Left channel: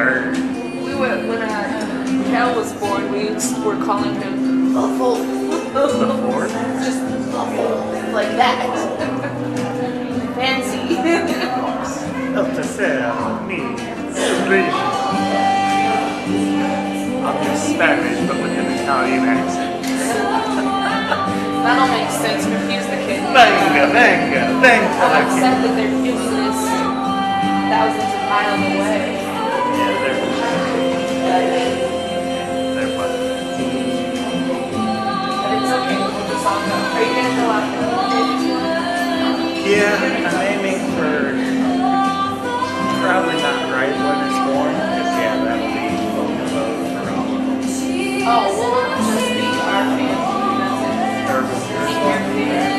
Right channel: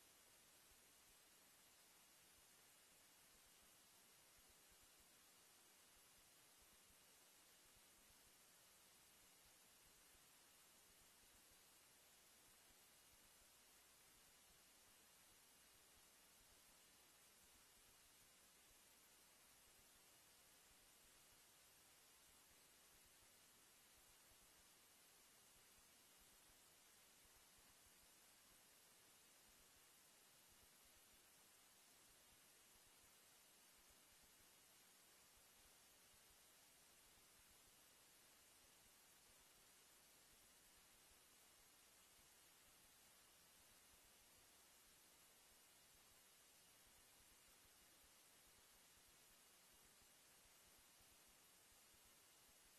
third. We were, when Cal was born, we were calling him Muffle. The fourth? Just Muffle. Like that. Fancy. Stasera, me, English. I'm just Spanish, but with an Italian accent. That'll make sense. Confuse the kid. Venga, I'm upset that they're doing this thousands of miles away. Yeah, they're fun. But it's okay. We'll just all go. Are you gonna go out there? Yeah, I'm aiming for probably not right when it's born, because yeah, that'll be vote for all of them. Oh, well, it'll just be our family. That's it.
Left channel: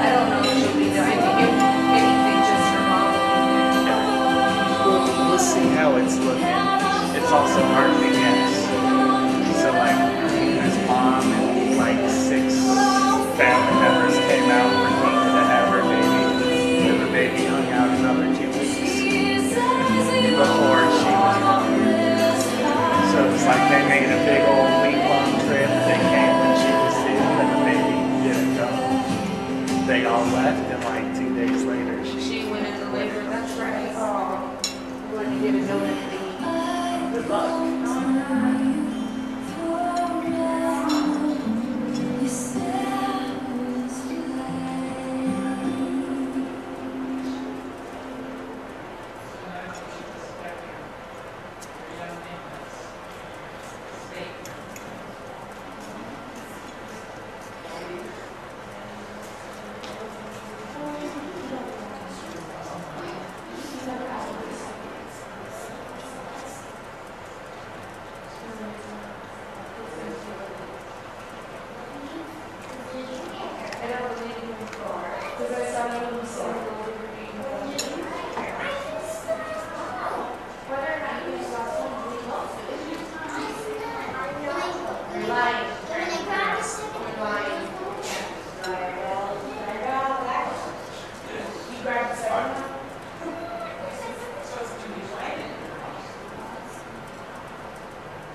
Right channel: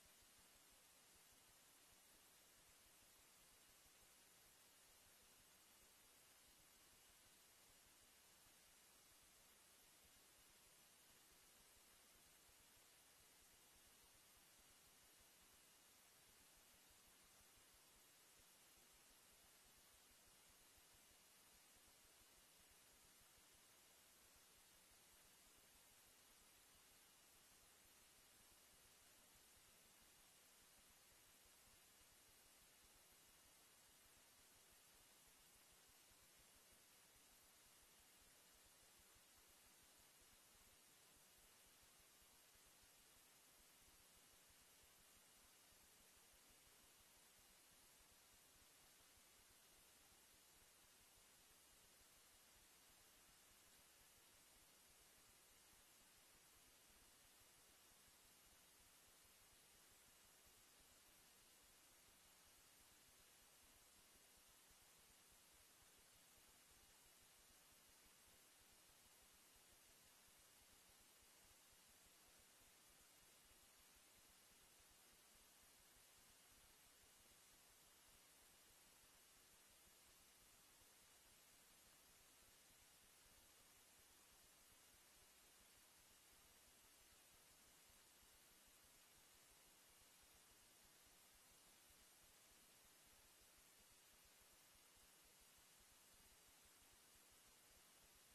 I don't know if she'll be there. I think if anything, just her mom. We'll see how it's looking. It's also hard to guess. So like, his mom and like 6 family members came out for me to have her baby. And the baby hung out another 2 weeks before she was born. So it's like they made a big old week-long trip. They came when she was sick, and the baby didn't come. They all left, and like 2 days later, She went into labor. That's right. Oh, when you get a donut thingy. Good luck.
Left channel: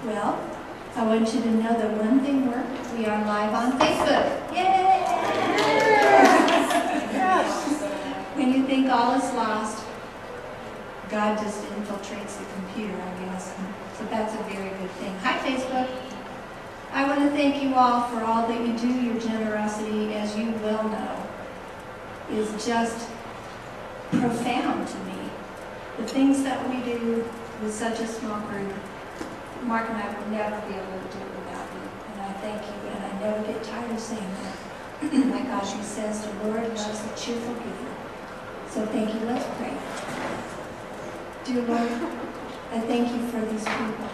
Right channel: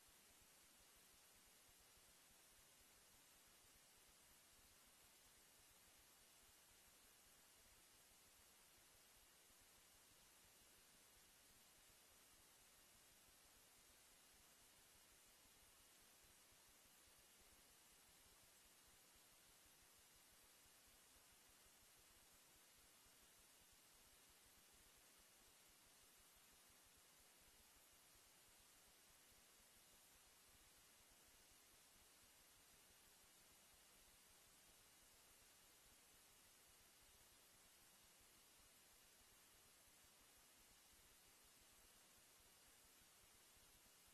Well, I want you to know that one thing worked. We are live on Facebook. Yay! When you think all is lost, God just infiltrates the computer, I guess. So that's a very good thing. Hi, Facebook. I want to thank you all for all that you do. Your generosity, as you well know, is just profound to me. The things that we do with such a small group, Mark and I would never be able to do it without you. And I thank you, and I never get tired of saying that. Like Audrey says, the Lord loves a cheerful giver. So thank you. Let's pray. Dear Lord, I thank you for these people.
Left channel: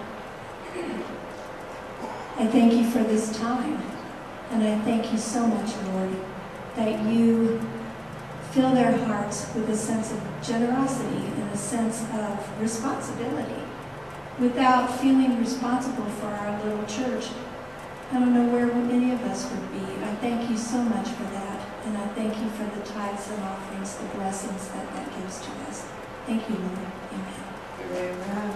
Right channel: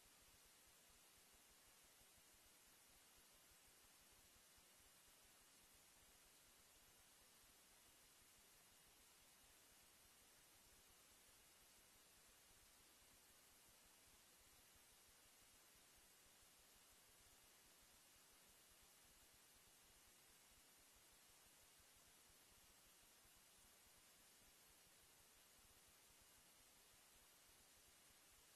I thank you for this time. And I thank you so much, Lord, that you fill their hearts with a sense of generosity and a sense of responsibility. Without feeling responsible for our little church, I don't know where any of us would be. I thank you so much for that, and I thank you for the tithes and offerings, the blessings that gives to us. Thank you, Lord. Amen. Amen.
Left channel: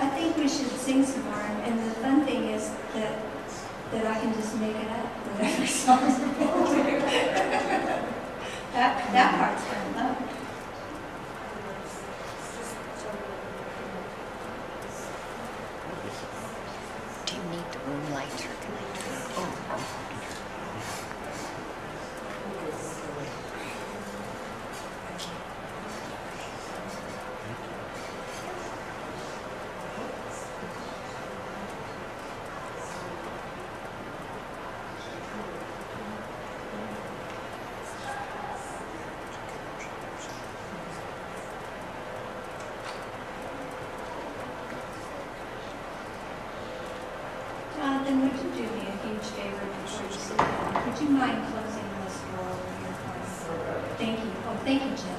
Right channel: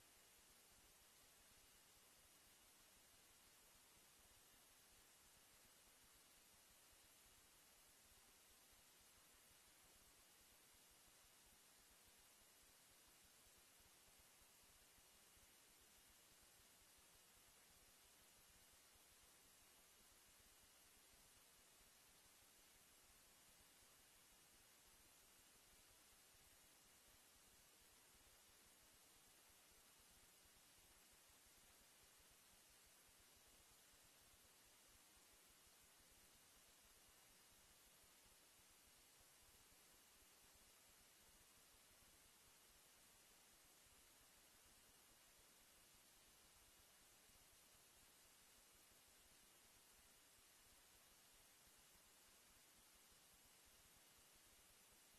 I think we should sing some more, and the fun thing is that I can just make it up, whatever songs we're going to. That part's fun, though. Do you need the room light or can I turn it on? Jonathan, would you do me a huge favor before you sit down? Would you mind closing this door over here for us? Thank you. Oh, thank you, Jim.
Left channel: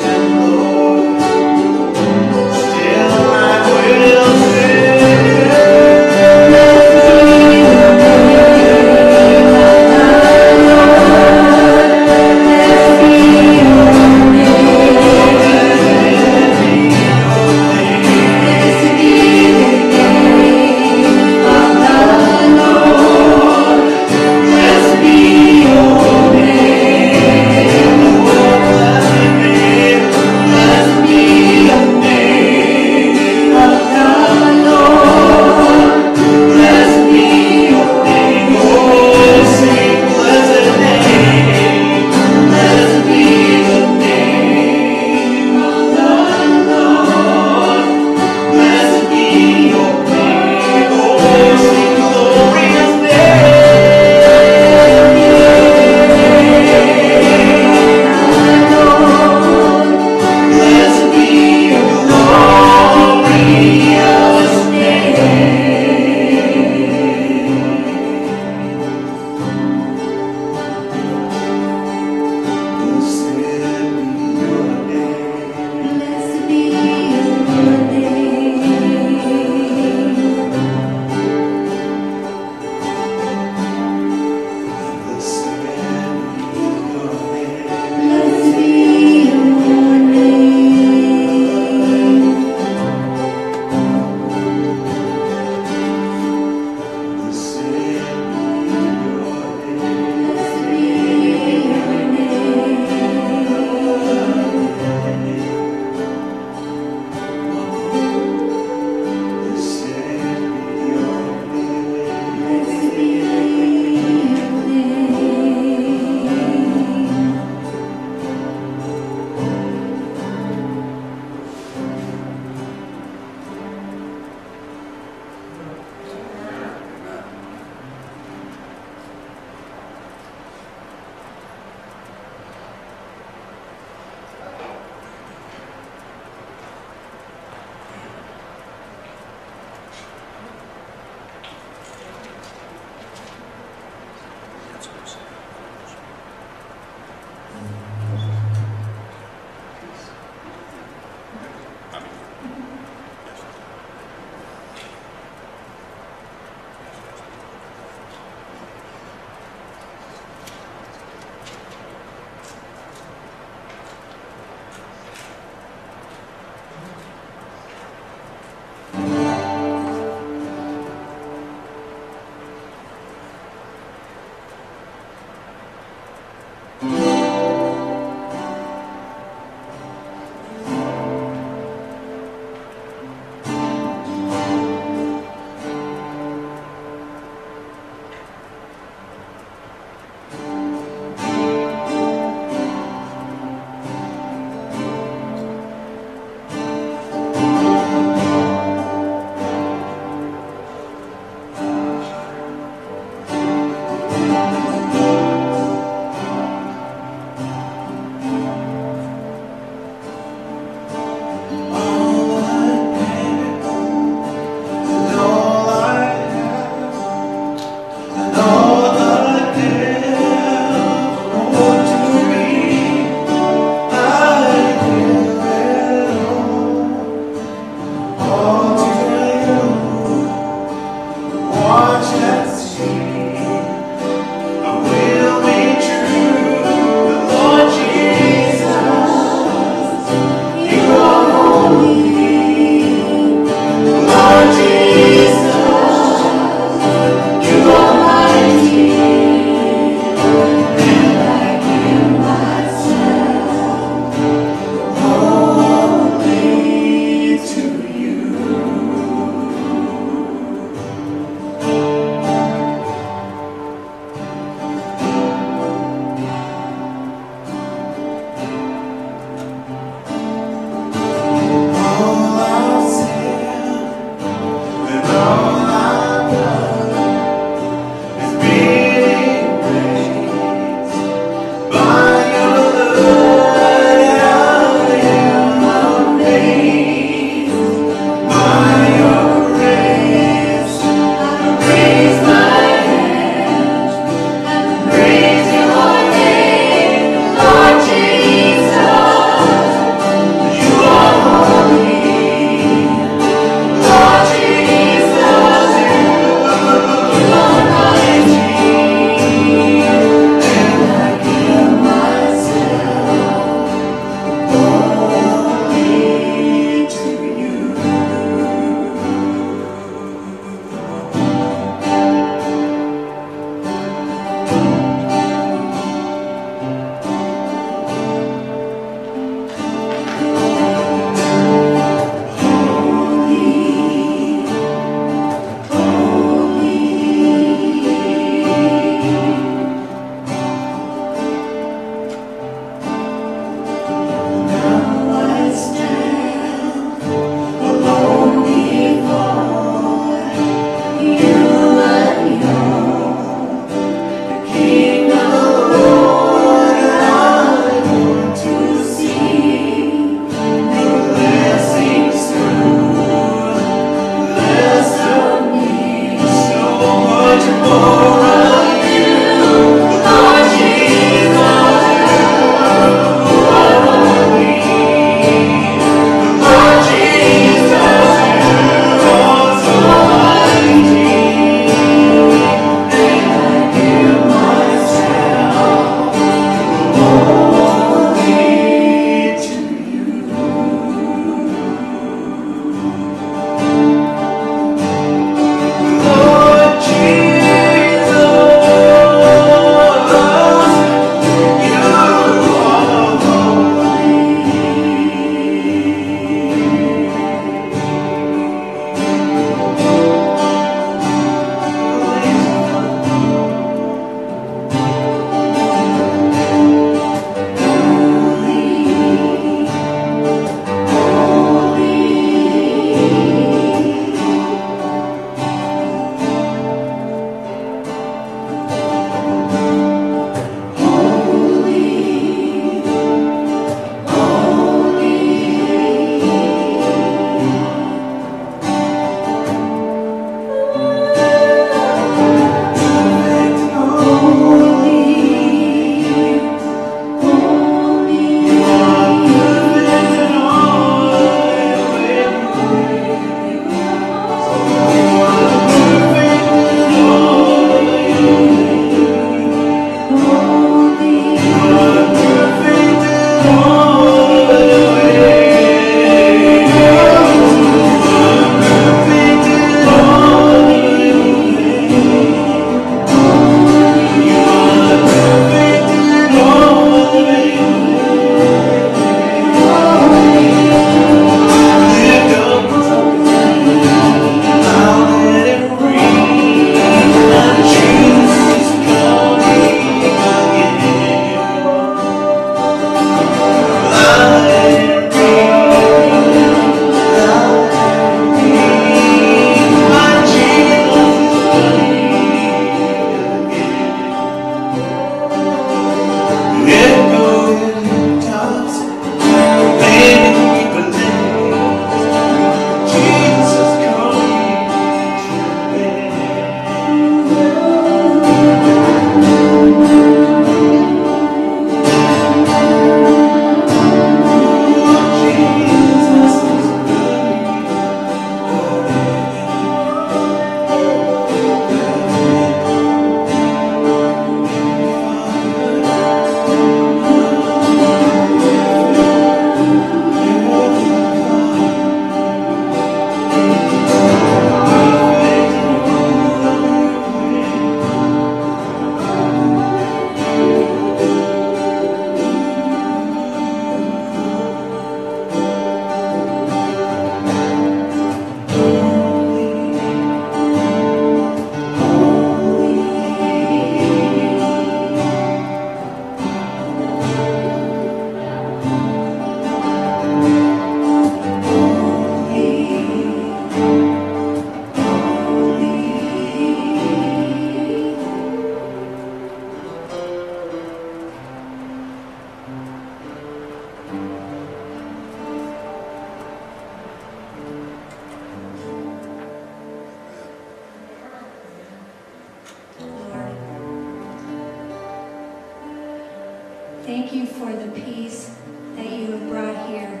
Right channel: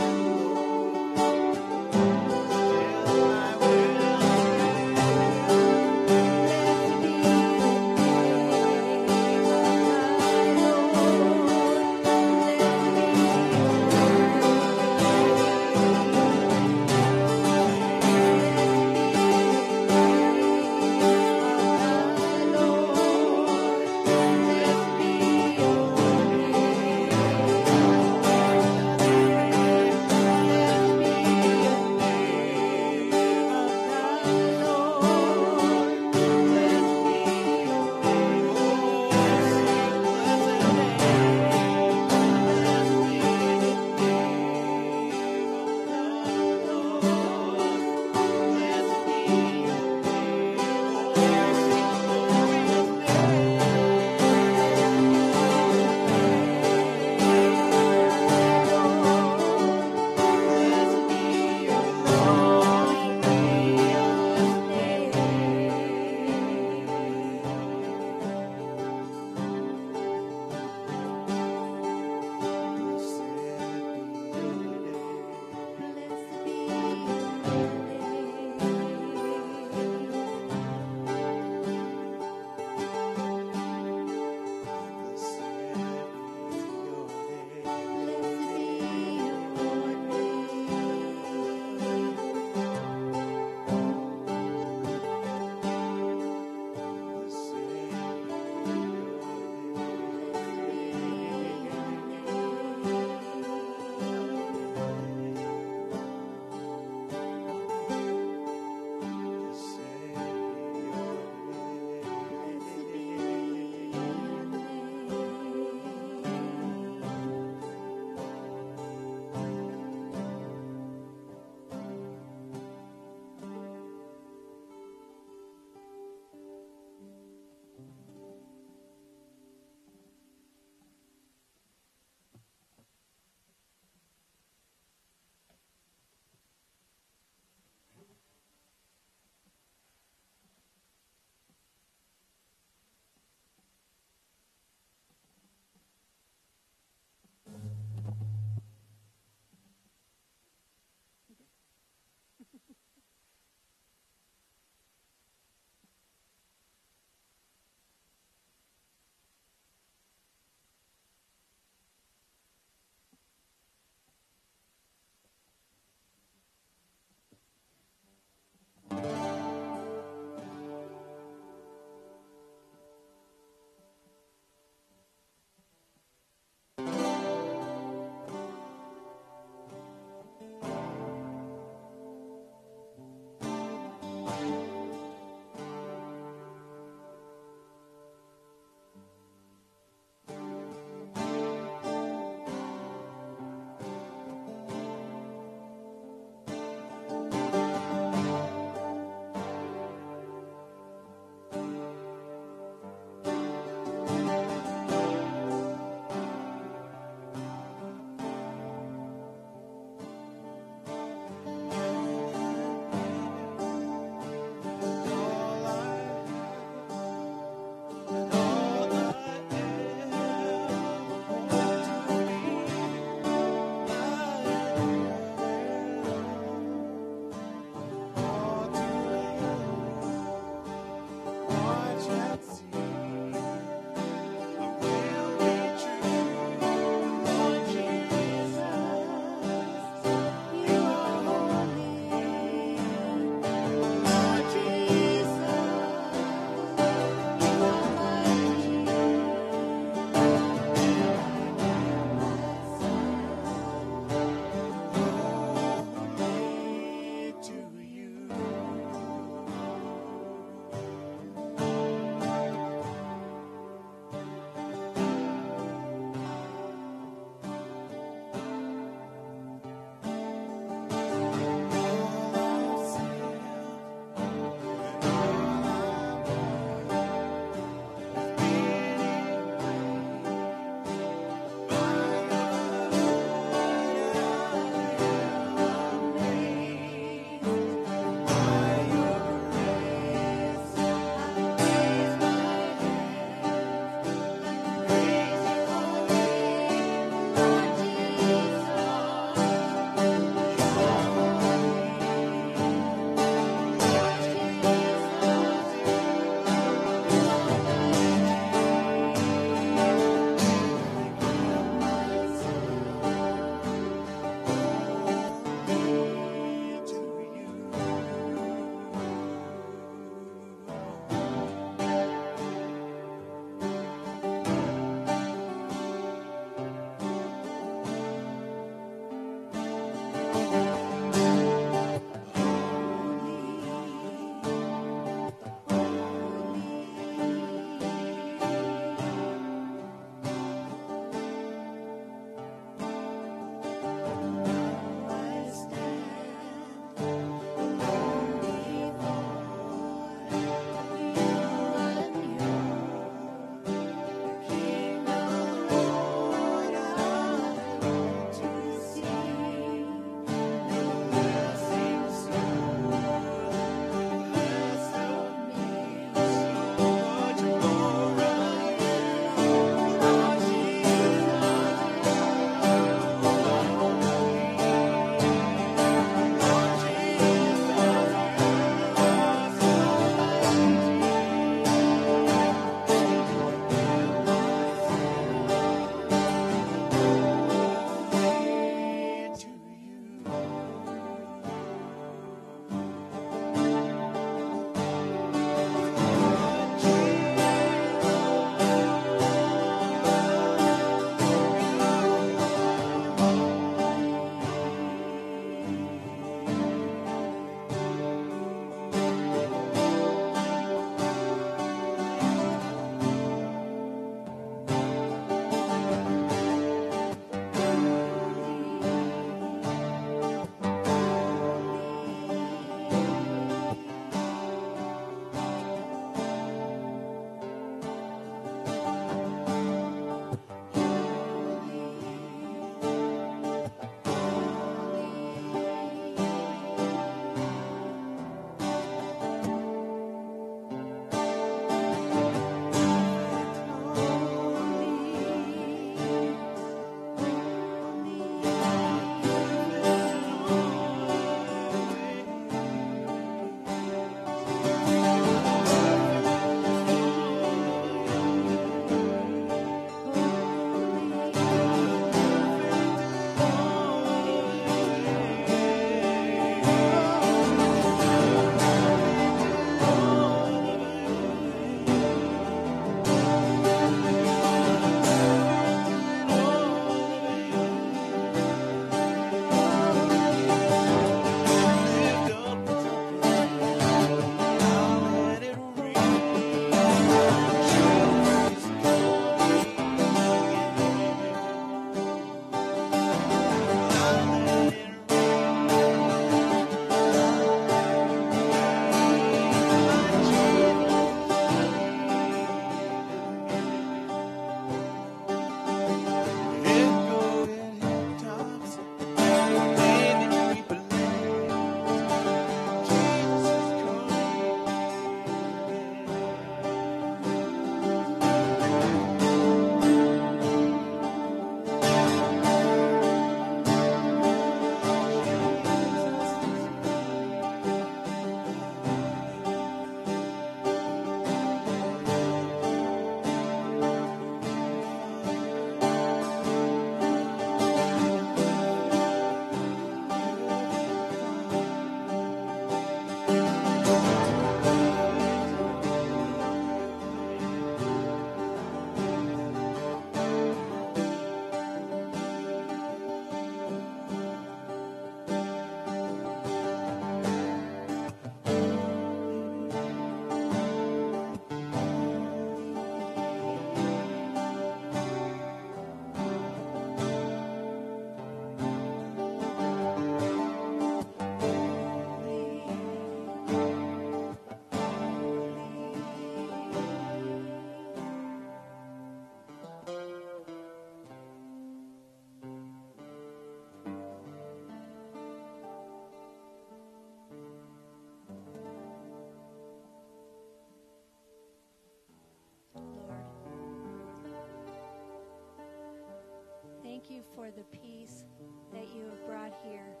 Thank you for the peace that you have brought here.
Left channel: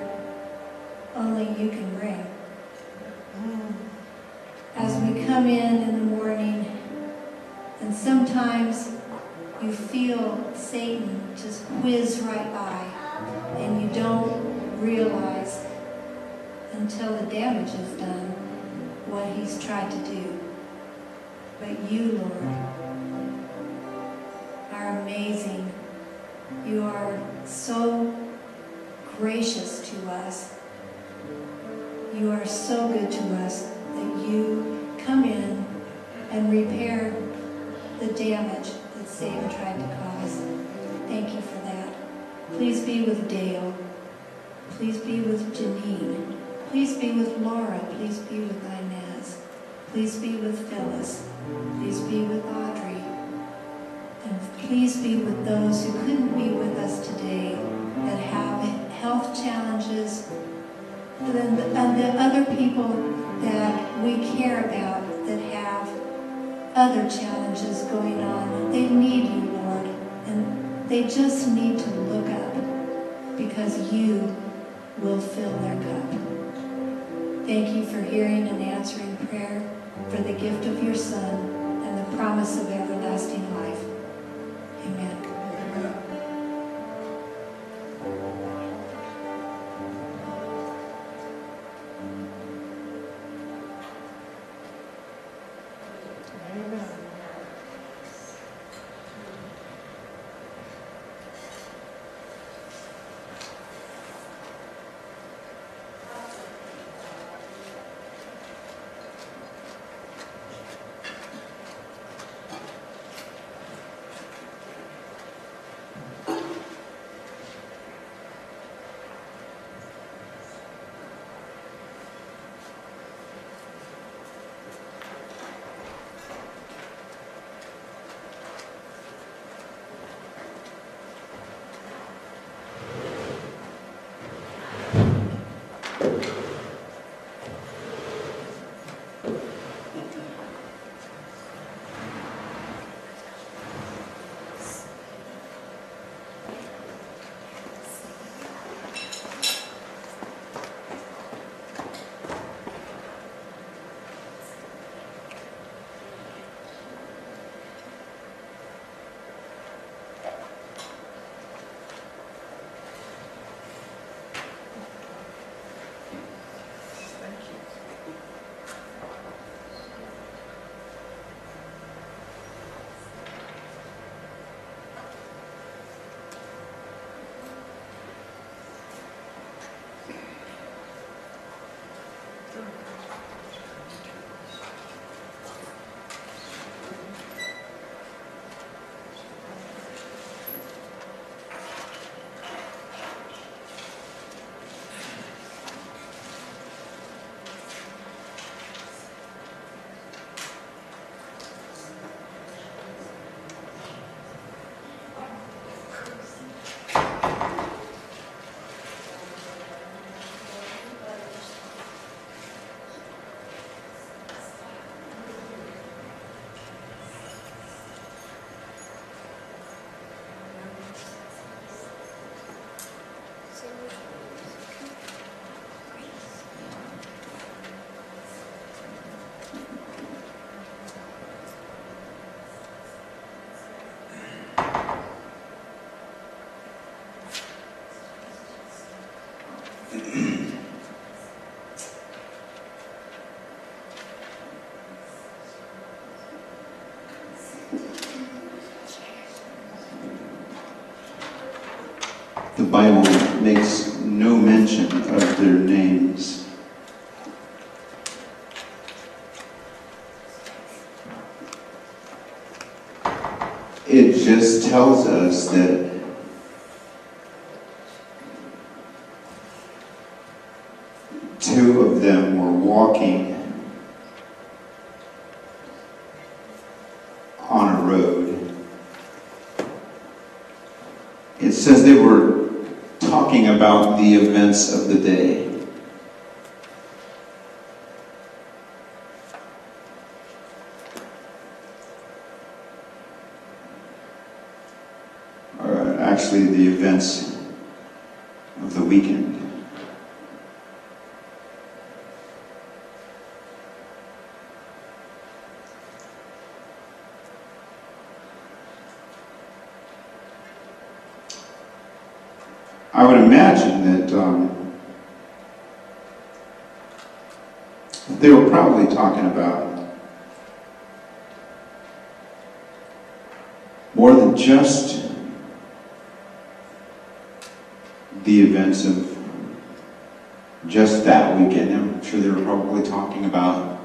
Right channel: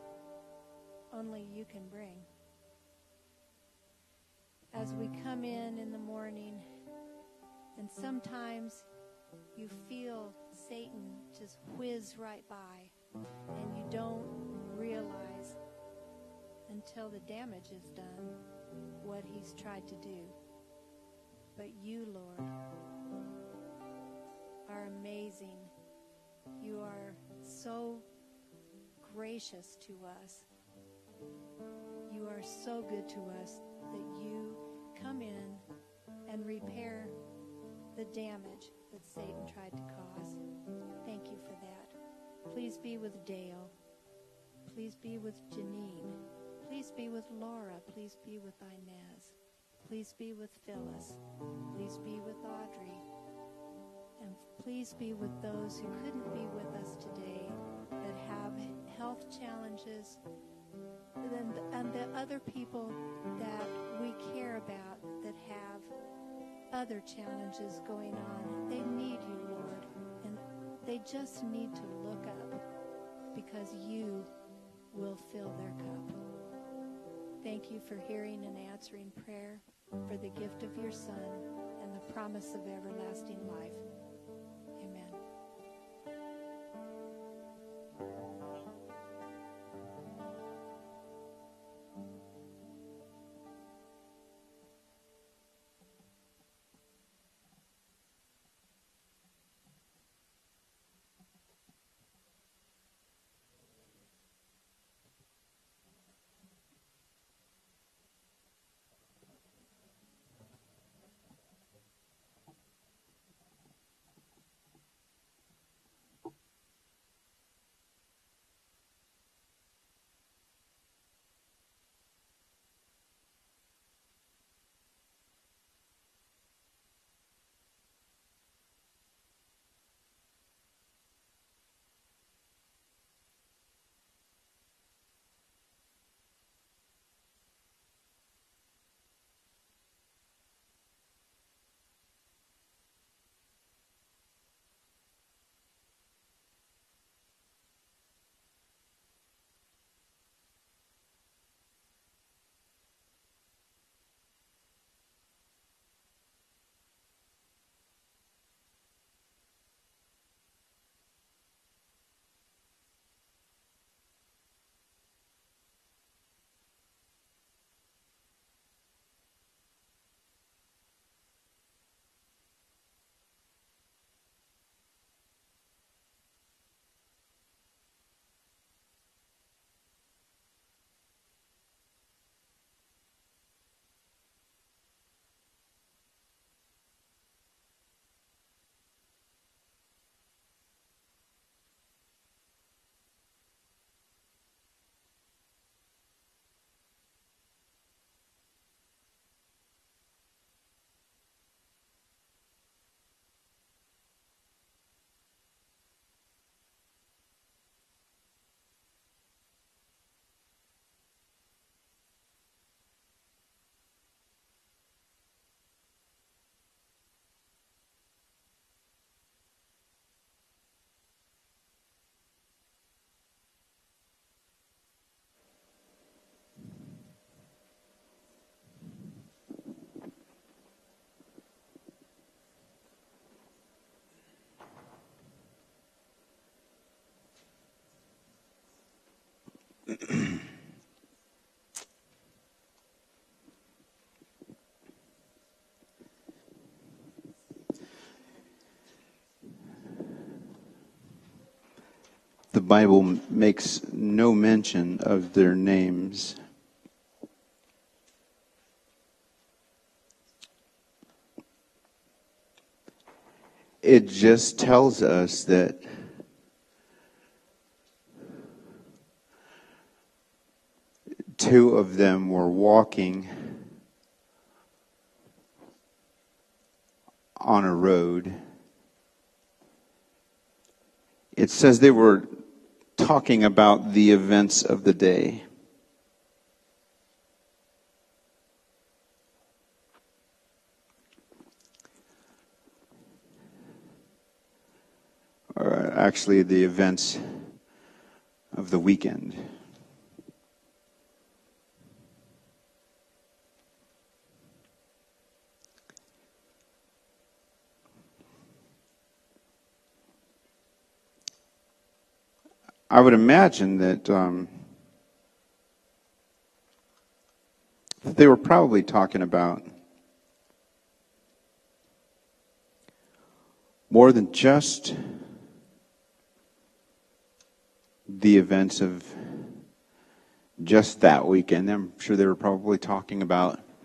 Only you can bring. As we come in the morning, and sometimes you feel Satan just whiz right by, and you don't realize until the damage is done what he's tried to do. But you, Lord, are amazing. You are so gracious to us. You are so good to us that you come in and repair the damage that Satan tried to cause. Thank you for that. Please be with Dale. Please be with Janine. Please be with Laura. Please be with Inez. Please be with Phyllis. Please be with Audrey. And please be with those who couldn't be with us today that have health challenges, and the other people that we care about that have other challenges going on. They need you, Lord, and they just need to look up because you will fill their cup. Thank you for hearing and answering prayer, for the gift of your Son and the promise of everlasting life. Amen. The Bible makes no mention of their names. It just tells us that two of them were walking on a road. It says they were talking about the events of the day. Or actually the events of the weekend. I would imagine that they were probably talking about more than just the events of just that weekend. I'm sure they were probably talking about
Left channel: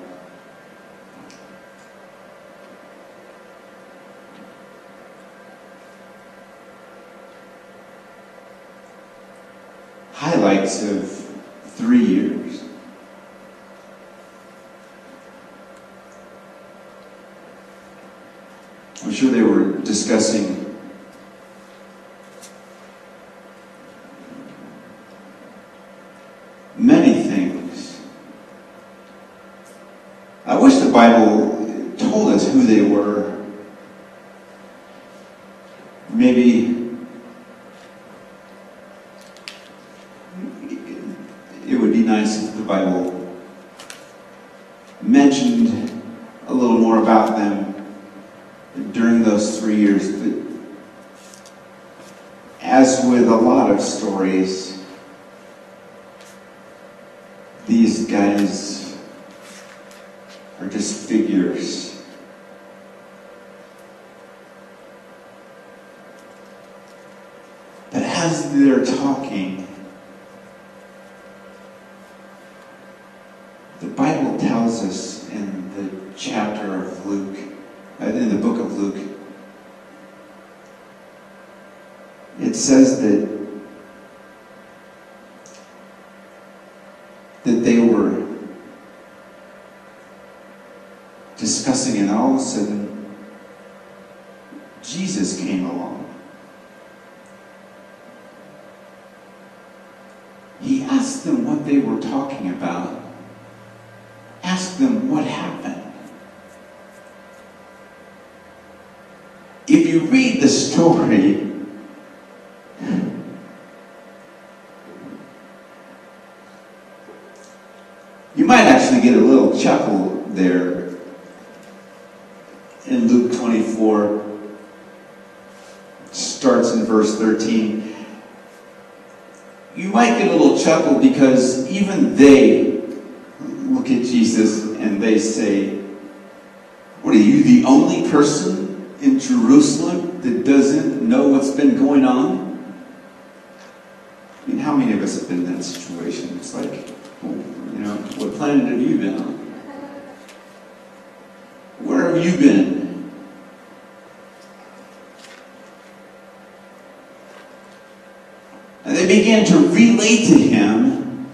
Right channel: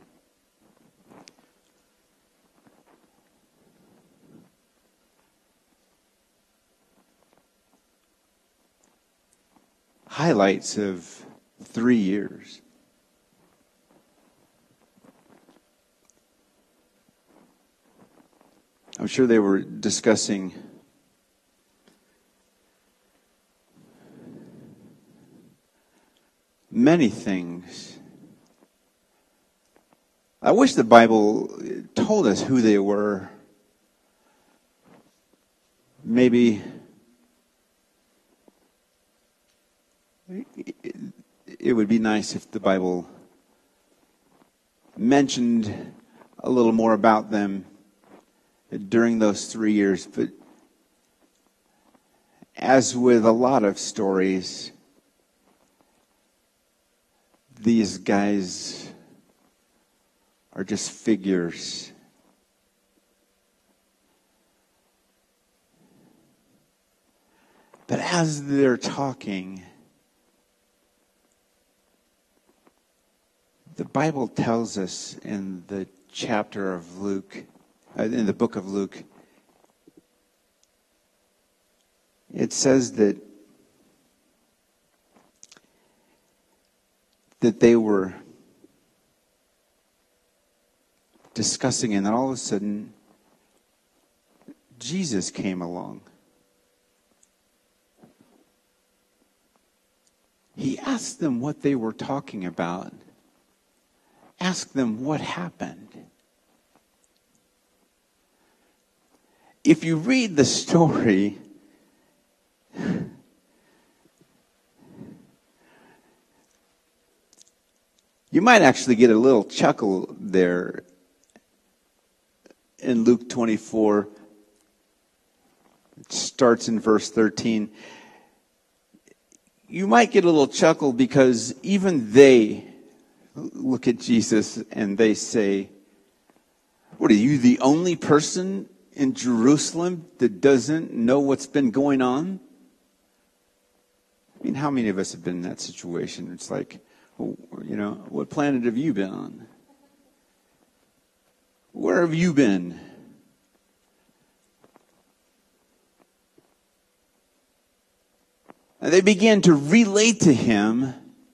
highlights of 3 years. I'm sure they were discussing many things. I wish the Bible told us who they were. Maybe it would be nice if the Bible mentioned a little more about them during those 3 years. But as with a lot of stories, these guys are just figures. But as they're talking, the Bible tells us in the chapter of Luke, in the book of Luke, it says that they were discussing, and all of a sudden, Jesus came along. He asked them what they were talking about. Asked them what happened. If you read the story, you might actually get a little chuckle there in Luke 24. Starts in verse 13. You might get a little chuckle because even they look at Jesus and they say, "What are you, the only person in Jerusalem that doesn't know what's been going on?" I mean, how many of us have been in that situation? It's like, what planet have you been on? Where have you been? And they began to relate to him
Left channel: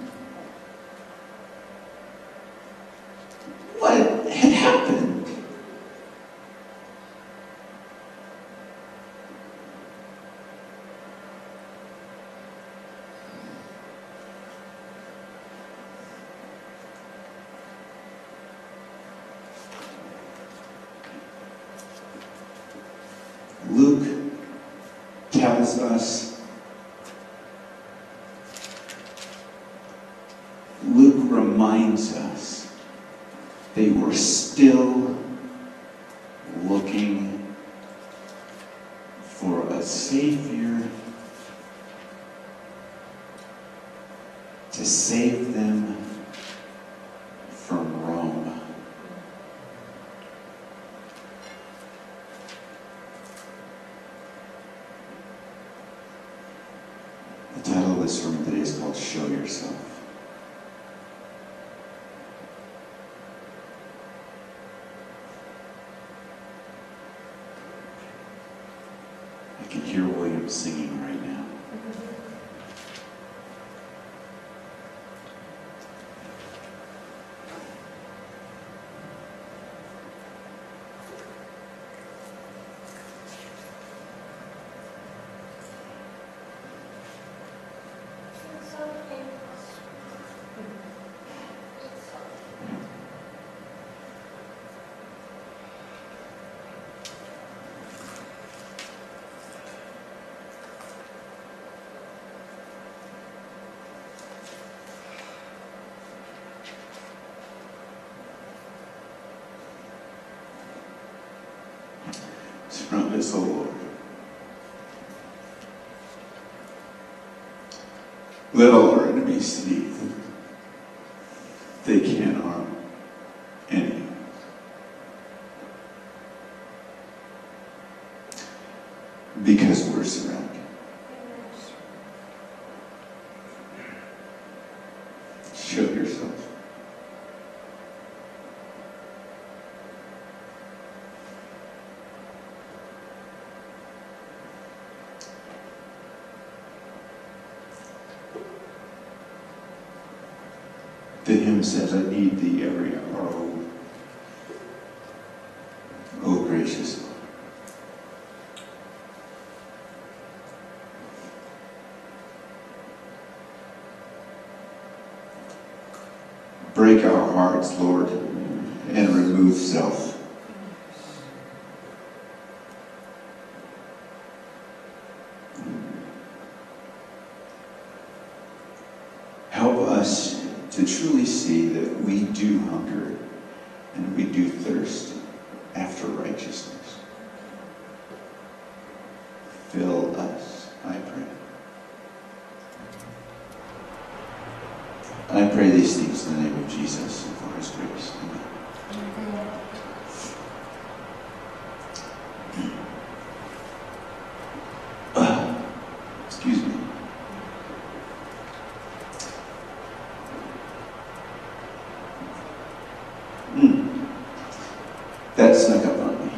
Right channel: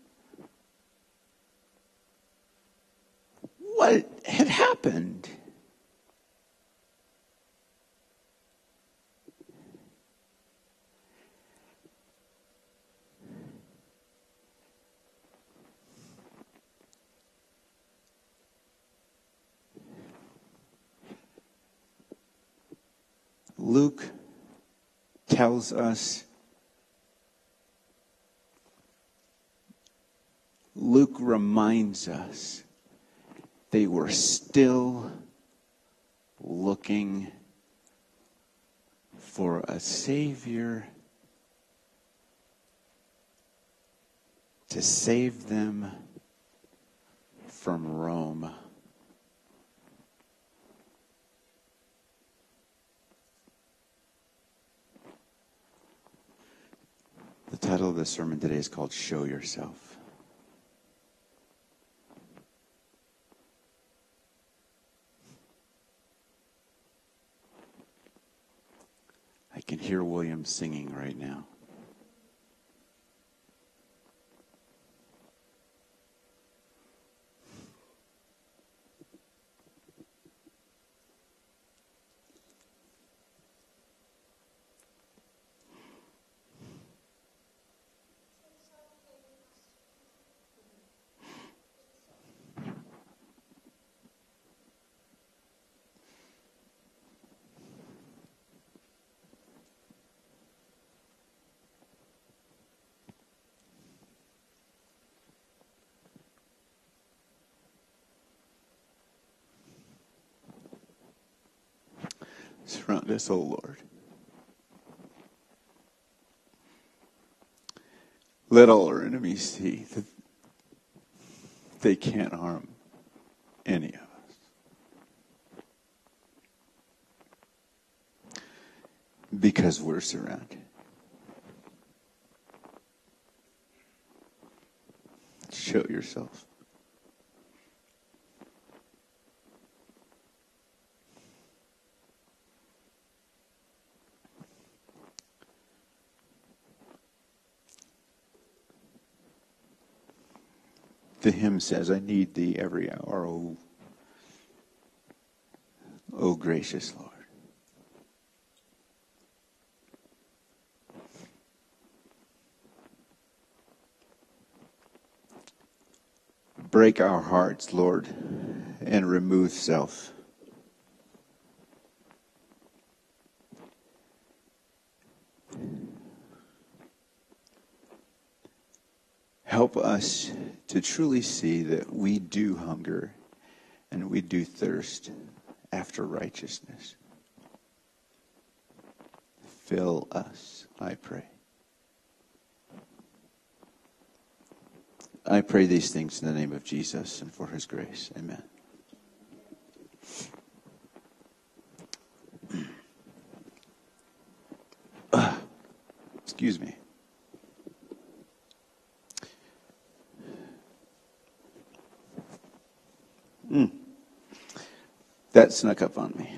what had happened. Luke tells us, Luke reminds us they were still looking for a Savior to save them from Rome. The title of the sermon today is called Show Yourself. I can hear William singing right now. around us, O Lord. Let all our enemies see that they can't harm any of us. Because we're surrounded. Show yourself. The hymn says, I need thee every hour, O gracious Lord. Break our hearts, Lord, and remove self. Help us to truly see that we do hunger and we do thirst after righteousness. Fill us, I pray. I pray these things in the name of Jesus and for his grace. Amen. Excuse me. That snuck up on me.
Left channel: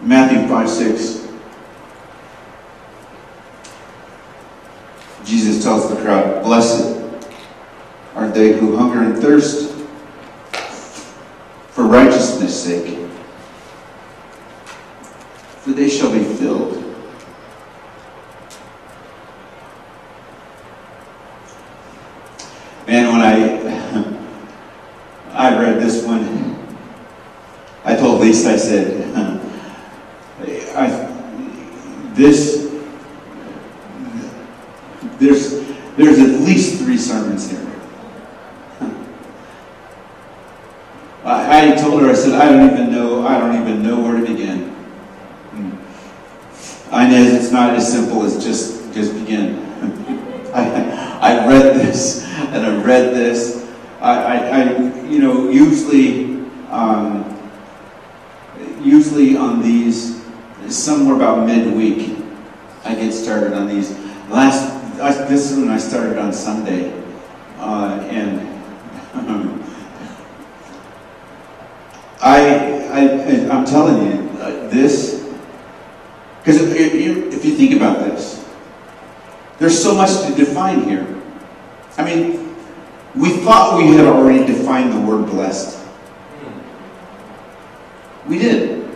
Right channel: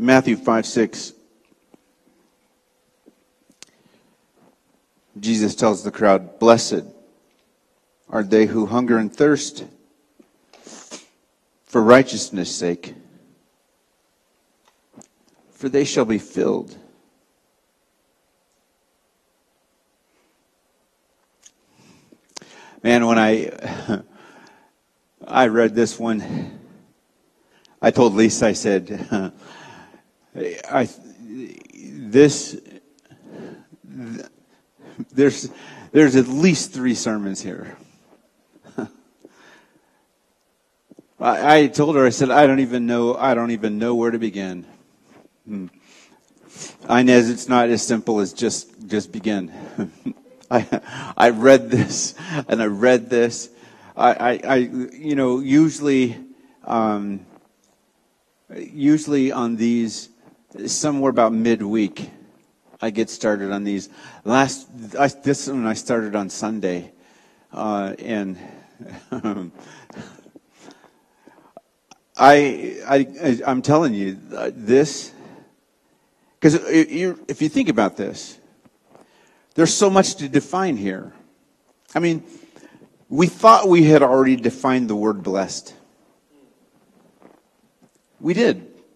Matthew 5:6. Jesus tells the crowd, blessed are they who hunger and thirst for righteousness' sake, for they shall be filled. Man, when I read this one, I told Lisa, I said, there's at least 3 sermons here. I told her, I said, I don't even know where to begin. Inez, it's not as simple as just begin. I read this and I read this. Usually on these, somewhere about midweek, I get started on these. This one I started on Sunday, and I'm telling you this, because if you think about this, there's so much to define here. I mean, we thought we had already defined the word blessed. We did.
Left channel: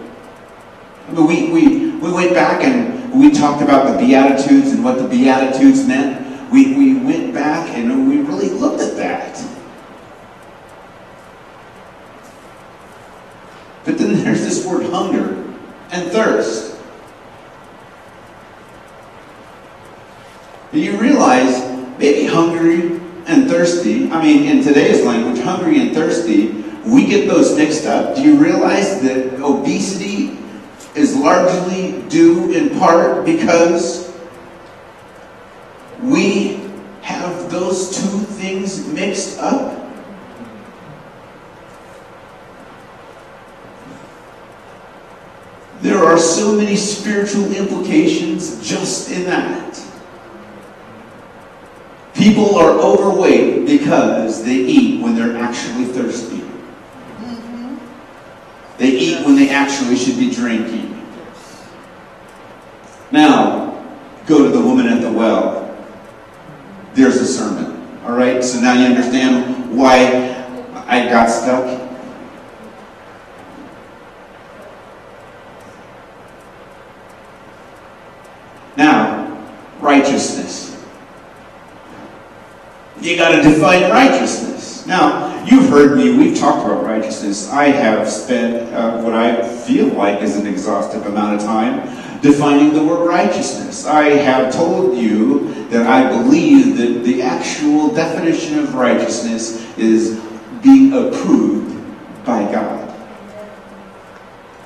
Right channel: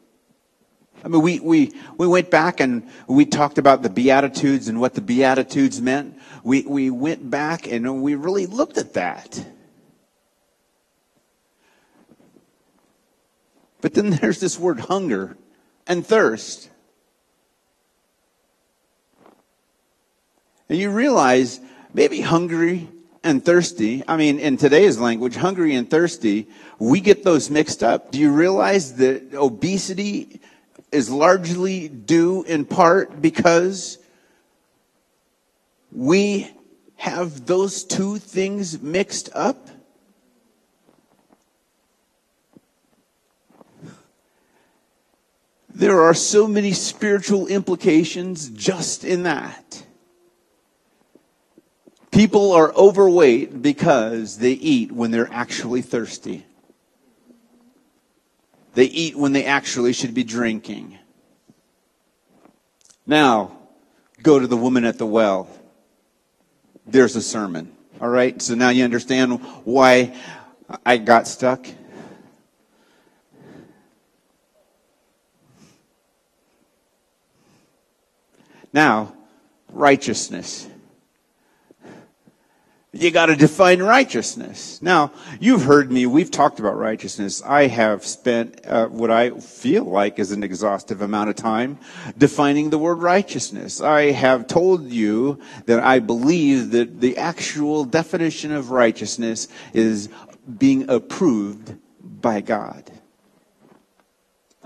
I mean, we went back and we talked about the Beatitudes and what the Beatitudes meant. We went back and we really looked at that. But then there's this word hunger and thirst. And you realize maybe hungry and thirsty, I mean, in today's language, hungry and thirsty, we get those mixed up. Do you realize that obesity is largely due in part because we have those 2 things mixed up? There are so many spiritual implications just in that. People are overweight because they eat when they're actually thirsty. They eat when they actually should be drinking. Now, go to the woman at the well. There's a sermon. All right? So now you understand why I got stuck. Now, righteousness. You got to define righteousness. Now, you've heard me. We've talked about righteousness. I have spent what I feel like is an exhaustive amount of time defining the word righteousness. I have told you that I believe that the actual definition of righteousness is being approved by God.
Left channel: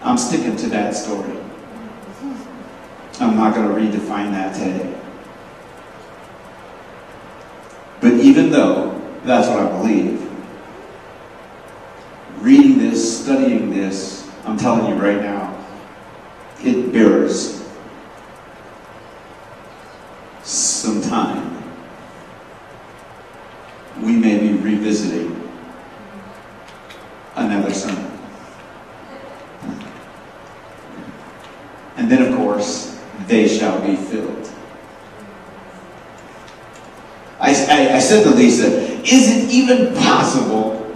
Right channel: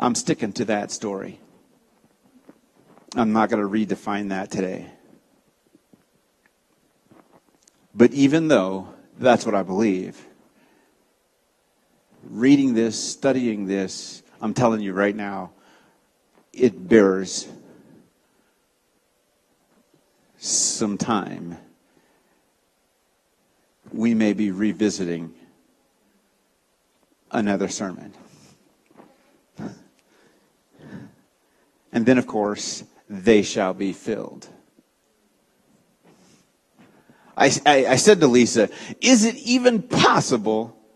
I'm sticking to that story. I'm not going to redefine that today. But even though that's what I believe, reading this, studying this, I'm telling you right now, it bears some time. We may be revisiting another sermon. And then, of course, they shall be filled. I said to Lisa, is it even possible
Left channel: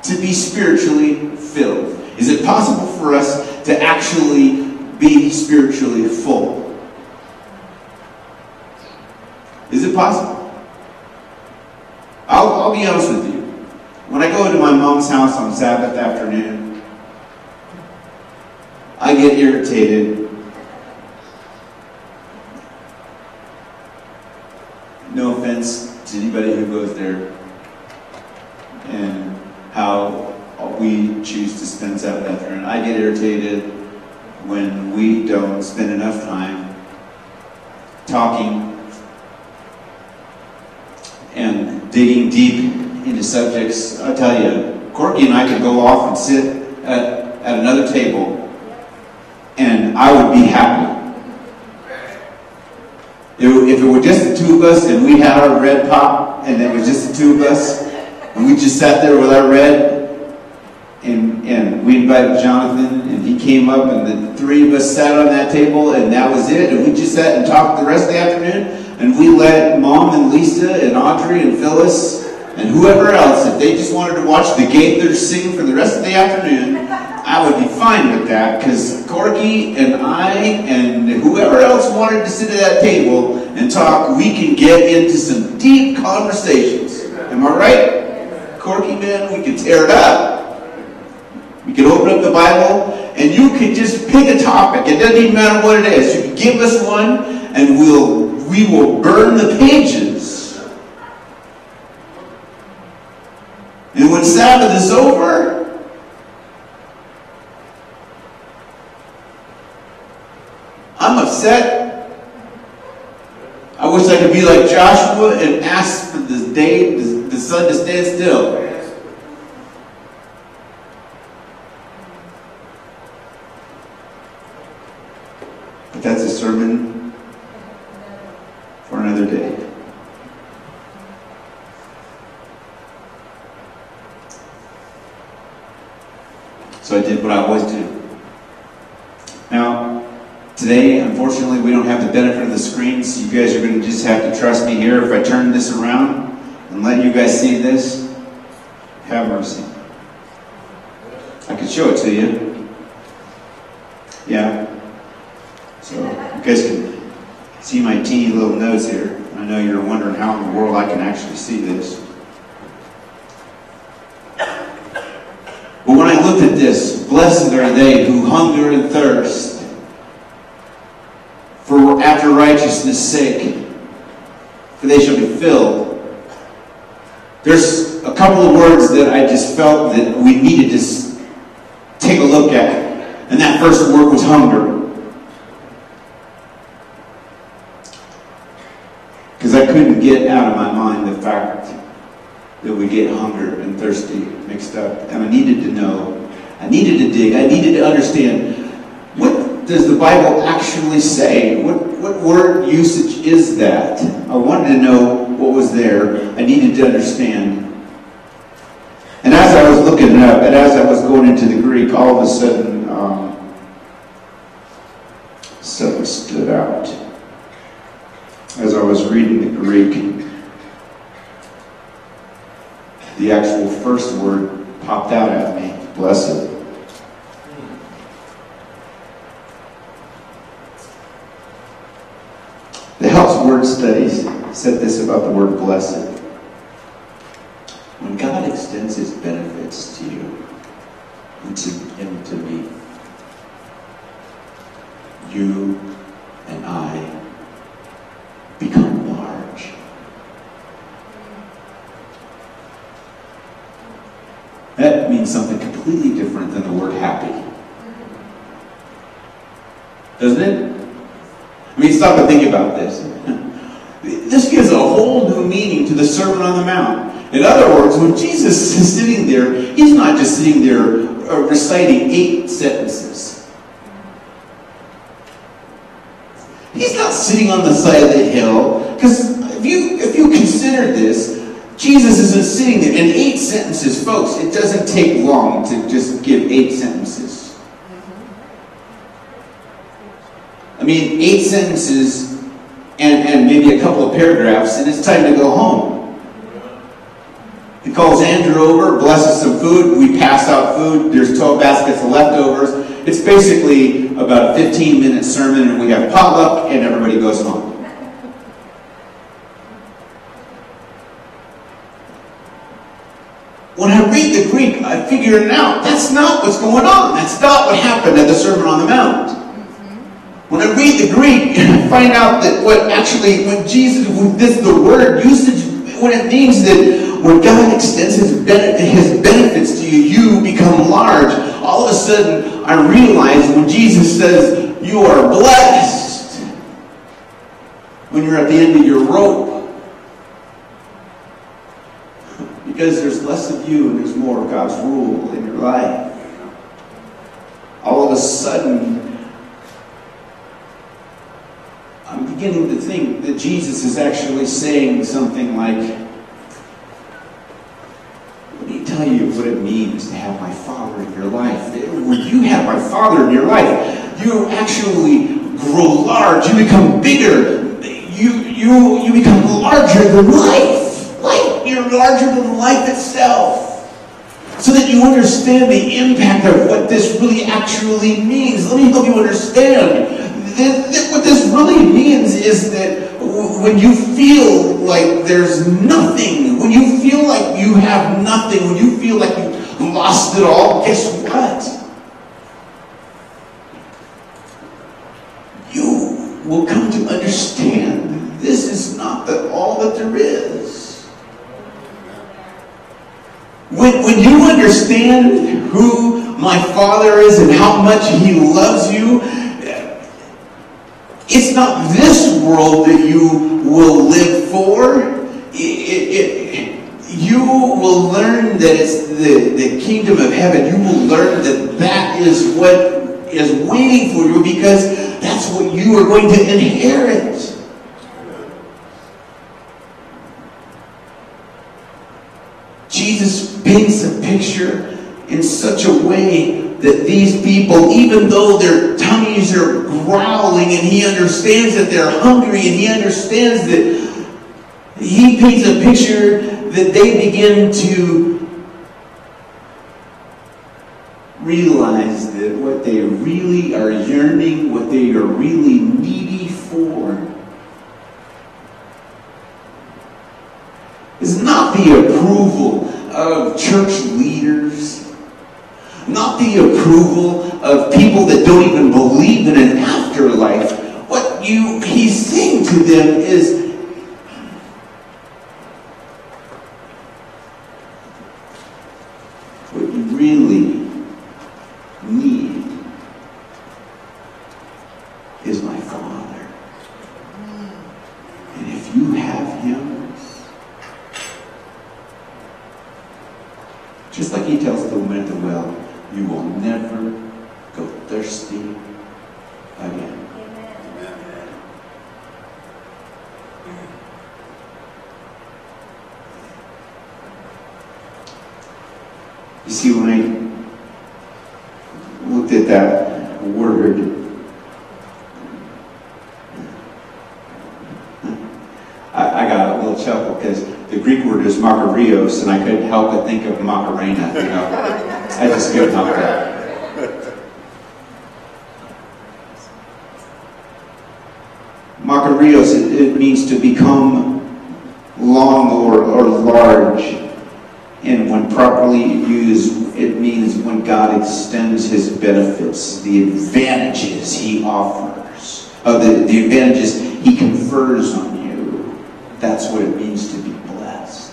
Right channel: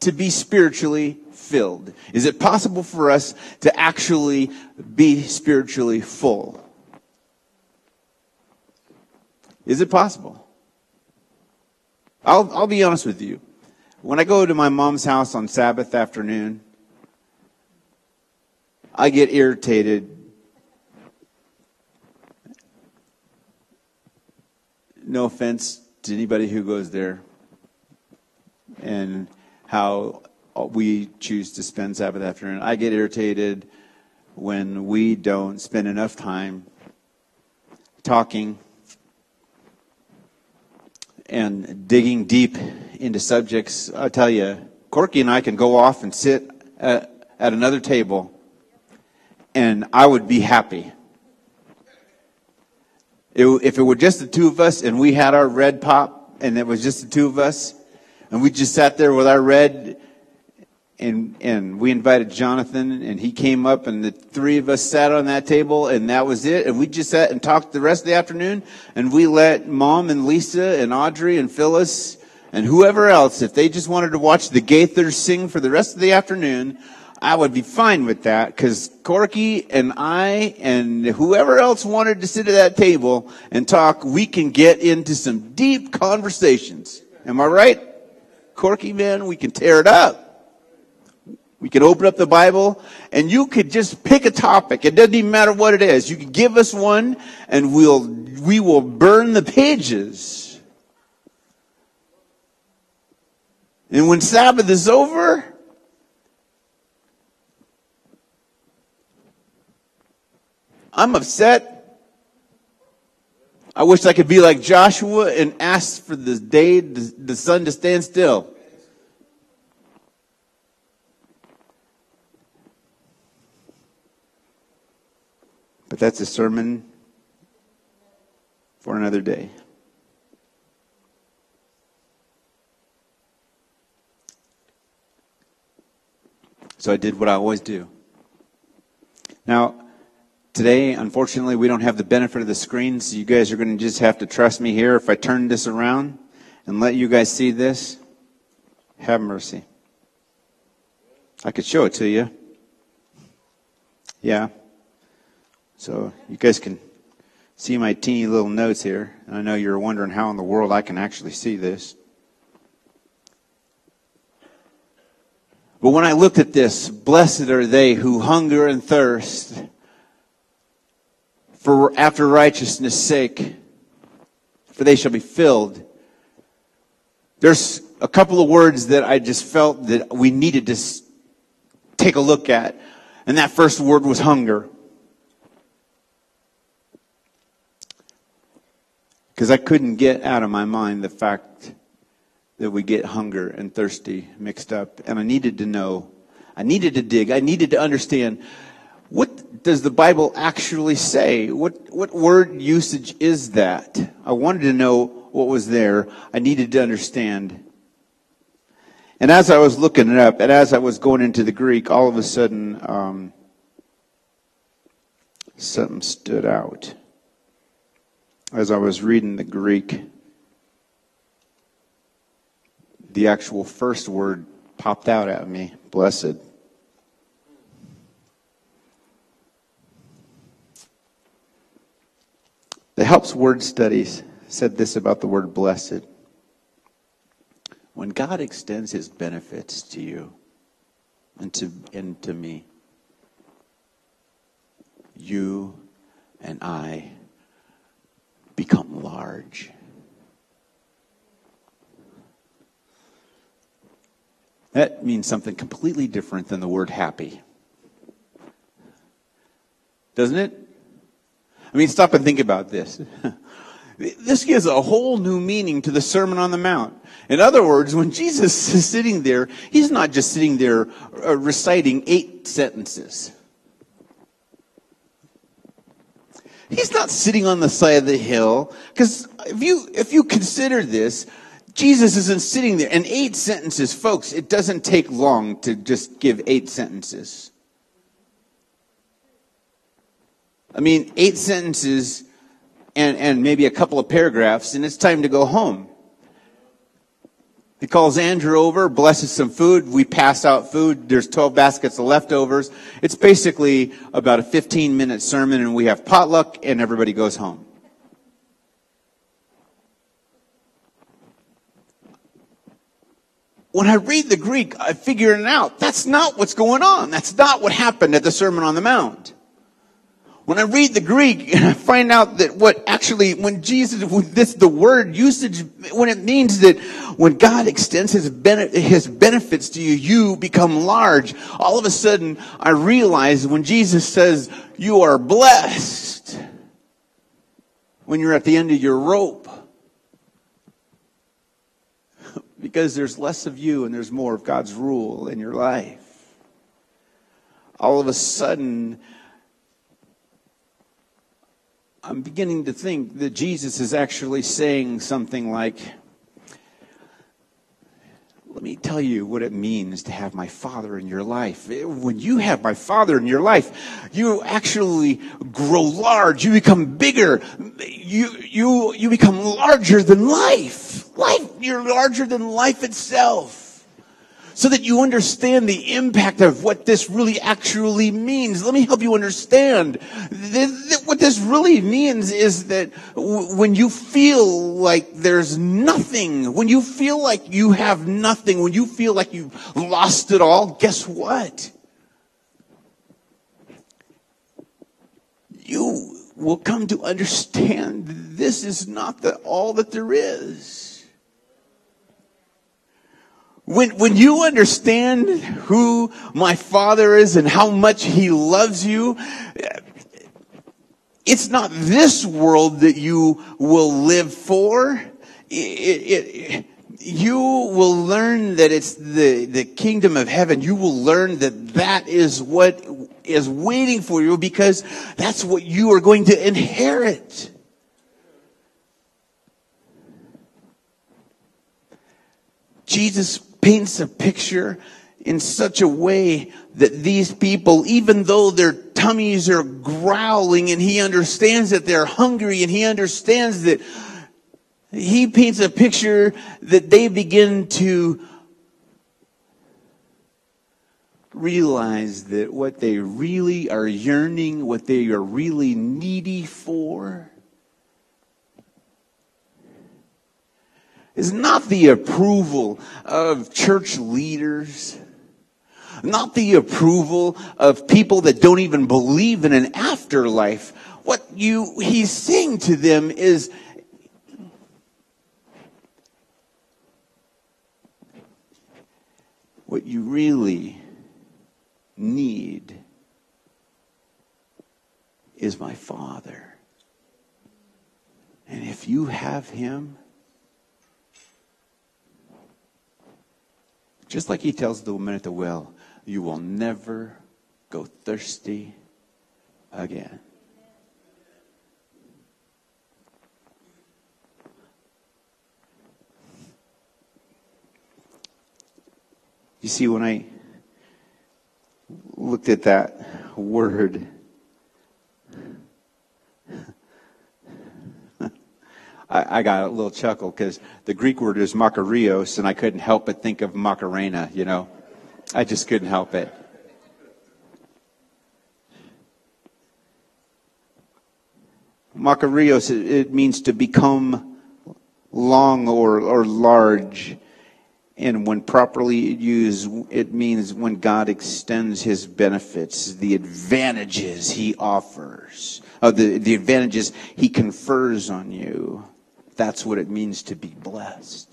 to be spiritually filled? Is it possible for us to actually be spiritually full? Is it possible? I'll be honest with you. When I go to my mom's house on Sabbath afternoon, I get irritated. No offense to anybody who goes there and how we choose to spend Sabbath afternoon. I get irritated when we don't spend enough time talking and digging deep into subjects. I'll tell you, Corky and I could go off and sit at another table and I would be happy. If it were just the two of us and we had our red pop and it was just the two of us and we just sat there with our red and we invited Jonathan and he came up and the three of us sat on that table and that was it, and we just sat and talked the rest of the afternoon, and we let Mom and Lisa and Audrey and Phyllis and whoever else, if they just wanted to watch the Gaithers sing for the rest of the afternoon, I would be fine with that, because Corky and I and whoever else wanted to sit at that table and talk, we can get into some deep conversations. Am I right? Corky, man, we can tear it up. We can open up the Bible and you can just pick a topic. It doesn't even matter what it is. You can give us one and we will burn the pages. And when Sabbath is over, I'm upset. I wish I could be like Joshua and ask for the sun to stand still. But that's a sermon for another day. So I did what I always do. Now, today, unfortunately, we don't have the benefit of the screen, so you guys are going to just have to trust me here. If I turn this around and let you guys see this, have mercy. I can show it to you. Yeah. So you guys can see my teeny little nose here. I know you're wondering how in the world I can actually see this. But when I looked at this, blessed are they who hunger and thirst for after righteousness' sake, for they shall be filled. There's a couple of words that I just felt that we needed to take a look at. And that first word was hunger. Because I couldn't get out of my mind the fact that we get hunger and thirsty mixed up. And I needed to know, I needed to dig, I needed to understand, what does the Bible actually say? What word usage is that? I wanted to know what was there. I needed to understand. And as I was looking it up, and as I was going into the Greek, all of a sudden, something stood out. As I was reading the Greek, the actual first word popped out at me, blessed. The Helps Word Studies said this about the word blessed. When God extends His benefits to you and to me, you and I become large. That means something completely different than the word happy. Doesn't it? I mean, stop and think about this. This gives a whole new meaning to the Sermon on the Mount. In other words, when Jesus is sitting there, he's not just sitting there reciting 8 sentences. He's not sitting on the side of the hill. Because if you consider this, Jesus isn't sitting there. And 8 sentences, folks, it doesn't take long to just give 8 sentences. I mean, 8 sentences and maybe a couple of paragraphs, and it's time to go home. He calls Andrew over, blesses some food. We pass out food. There's 12 baskets of leftovers. It's basically about a 15-minute sermon, and we have potluck, and everybody goes home. When I read the Greek, I figure it out. That's not what's going on. That's not what happened at the Sermon on the Mount. When I read the Greek, I find out that the word usage, what it means that when God extends his benefits to you, you become large. All of a sudden, I realize when Jesus says, you are blessed, when you're at the end of your rope, because there's less of you and there's more of God's rule in your life. All of a sudden, I'm beginning to think that Jesus is actually saying something like, let me tell you what it means to have my Father in your life. When you have my Father in your life, you actually grow large. You become bigger. You become larger than life. You're larger than life itself. So that you understand the impact of what this really actually means. Let me help you understand. What this really means is that when you feel like there's nothing, when you feel like you have nothing, when you feel like you've lost it all, guess what? You will come to understand this is not all that there is. When you understand who my Father is and how much he loves you, it's not this world that you will live for. You will learn that it's the kingdom of heaven. You will learn that is what is waiting for you, because that's what you are going to inherit. Jesus paints a picture in such a way that these people, even though their tummies are growling, and he understands that they're hungry, and he understands that he paints a picture that they begin to realize that what they really are yearning, what they are really needy for, is not the approval of church leaders, not the approval of people that don't even believe in an afterlife. What he's saying to them is, what you really need is my Father. And if you have him, just like he tells the woman at the well, you will never go thirsty again. You see, when I looked at that word, I got a little chuckle, because the Greek word is makarios, and I couldn't help but think of Macarena, you know. I just couldn't help that. Makarios, it means to become long or large. And when properly used, it means when God extends his benefits, the advantages he offers. the advantages he confers on you. That's what it means to be blessed.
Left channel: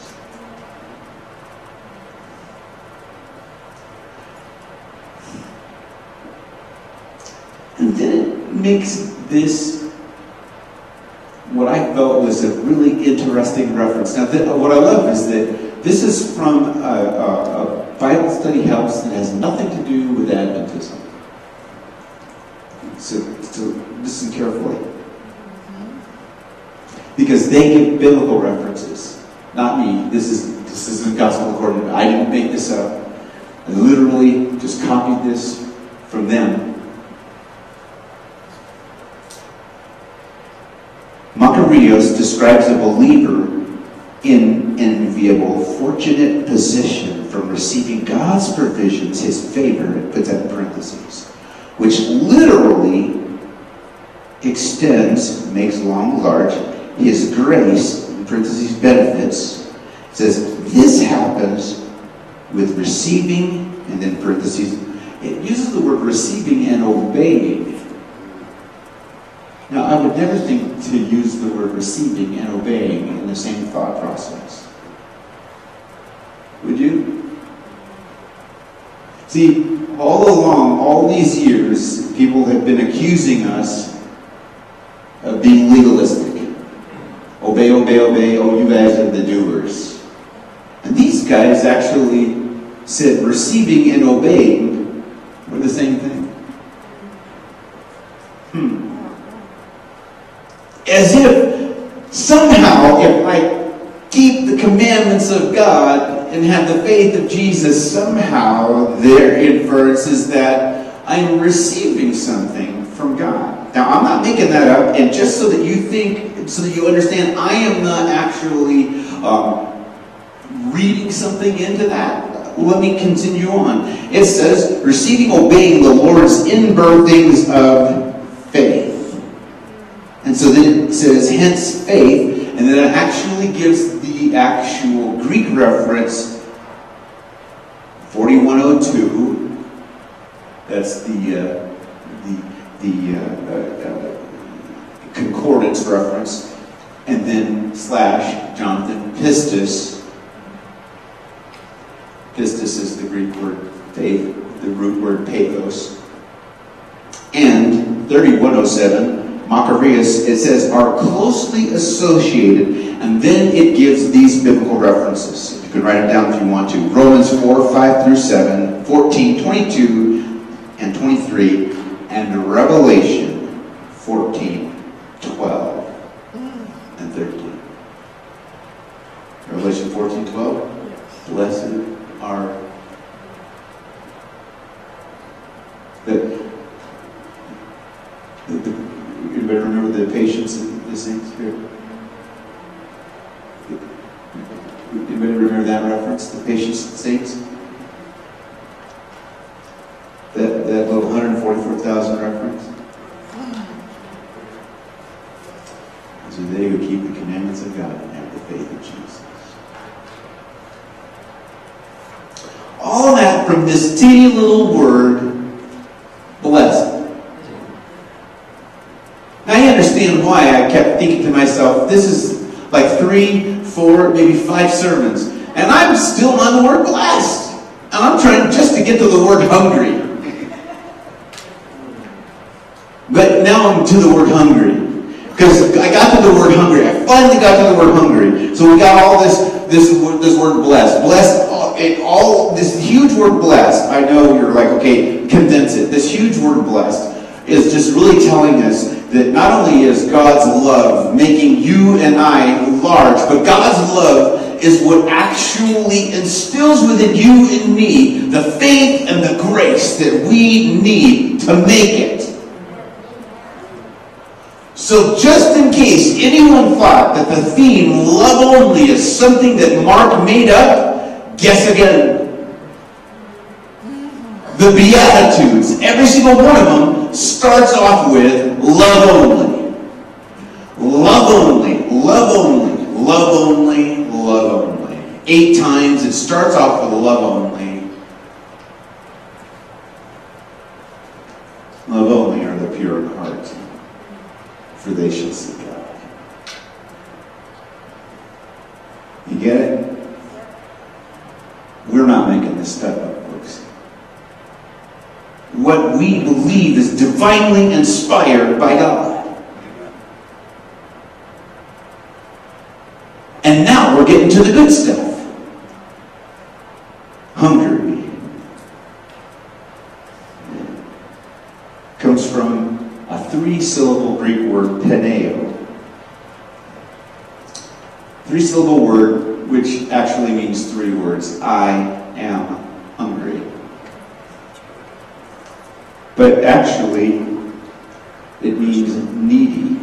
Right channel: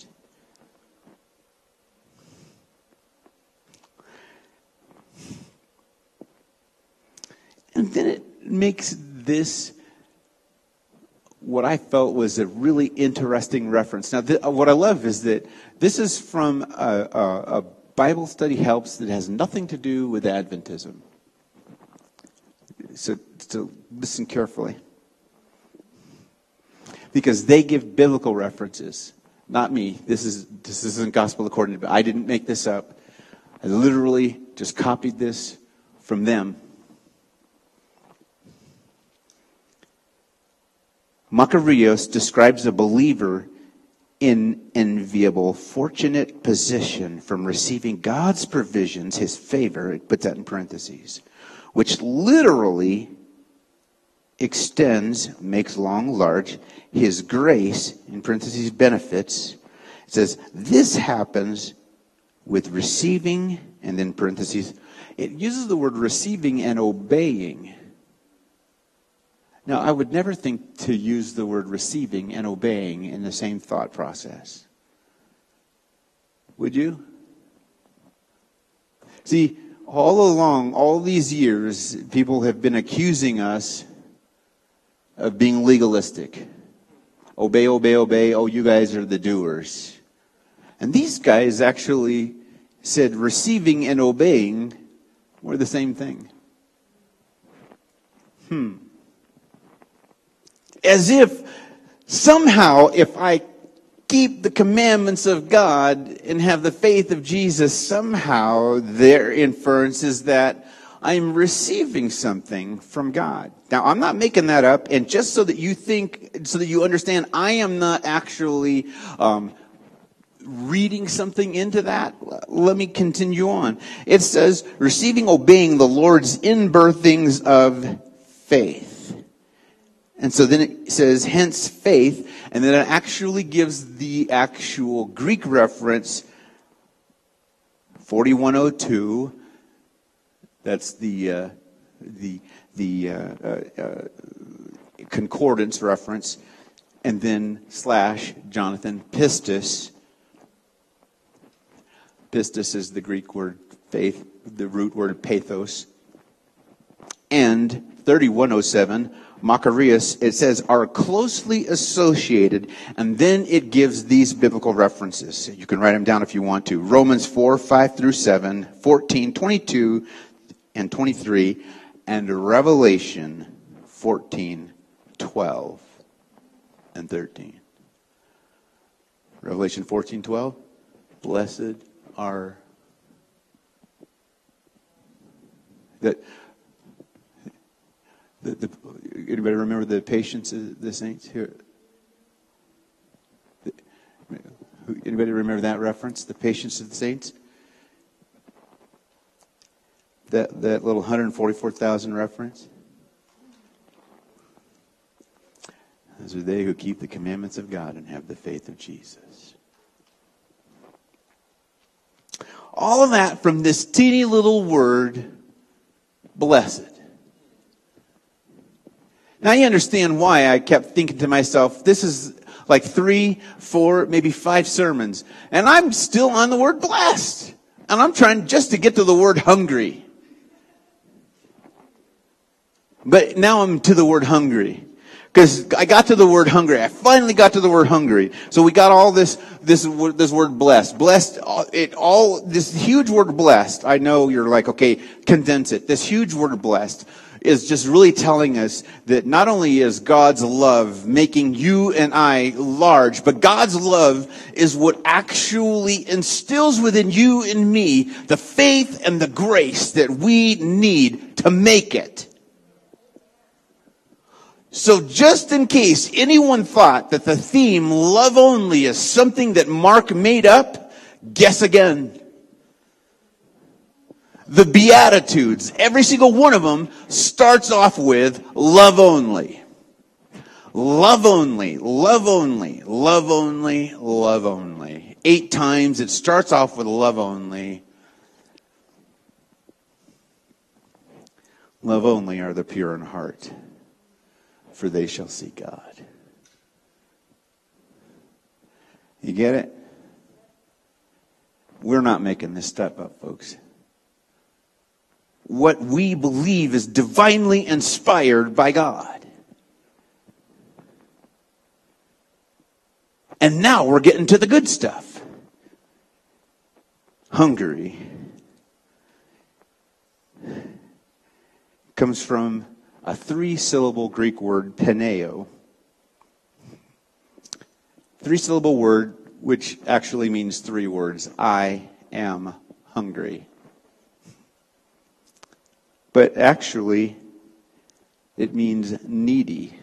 And then it makes this, what I felt was a really interesting reference. Now, what I love is that this is from a Bible study house that has nothing to do with Adventism. So listen carefully. Because they give biblical references, not me. This is the gospel according to me. I didn't make this up. I literally just copied this from them. Macarius describes a believer in enviable, fortunate position from receiving God's provisions, his favor, it puts that in parentheses, which literally extends, makes long, large, his grace, in parentheses, benefits. It says, this happens with receiving, and then parentheses, it uses the word receiving and obeying. Now, I would never think to use the word receiving and obeying in the same thought process. Would you? See, all along, all these years, people have been accusing us of being legalistic. Obey, obey, obey, oh, you guys are the doers. And these guys actually said receiving and obeying were the same thing. As if somehow, if I keep the commandments of God and have the faith of Jesus, somehow their inference is that I'm receiving something from God. Now, I'm not making that up, and just so that you think, so that you understand, I am not actually reading something into that. Let me continue on. It says, receiving, obeying the Lord's inbirthings of faith. And so then it says, hence faith, and then it actually gives the actual Greek reference, 4102. That's the concordance reference, and then / Jonathan Pistis. Pistis is the Greek word faith, the root word pathos. And 3107. Macarius, it says, are closely associated, and then it gives these biblical references. You can write it down if you want to. Romans 4, 5 through 7, 14, 22, and 23, and Revelation 14, 12, and 13. Revelation 14, 12. Blessed are you better remember the patience of the saints here. Anybody remember that reference? The patience of the saints? That little 144,000 reference? Those are they who keep the commandments of God and have the faith of Jesus. All of that from this teeny little word, blessed. Now I understand why I kept thinking to myself, this is like 3, 4, maybe 5 sermons, and I'm still on the word blessed. And I'm trying just to get to the word hungry. But now I'm to the word hungry. Because I got to the word hungry. I finally got to the word hungry. So we got all this word blessed. Blessed, all this huge word blessed. I know you're like, okay, condense it. This huge word blessed is just really telling us that not only is God's love making you and I large, but God's love is what actually instills within you and me the faith and the grace that we need to make it. So just in case anyone thought that the theme love only is something that Mark made up, guess again. The Beatitudes, every single one of them starts off with love only. Love only, love only, love only, love only. 8 times it starts off with love only. Love only are the pure in heart. for they shall see God. You get it? We're not making this stuff up, folks. What we believe is divinely inspired by God. And now we're getting to the good stuff. Hungary comes from a 3-syllable Greek word, peneo. 3-syllable word, which actually means 3 words. I am hungry. But actually, it means needy.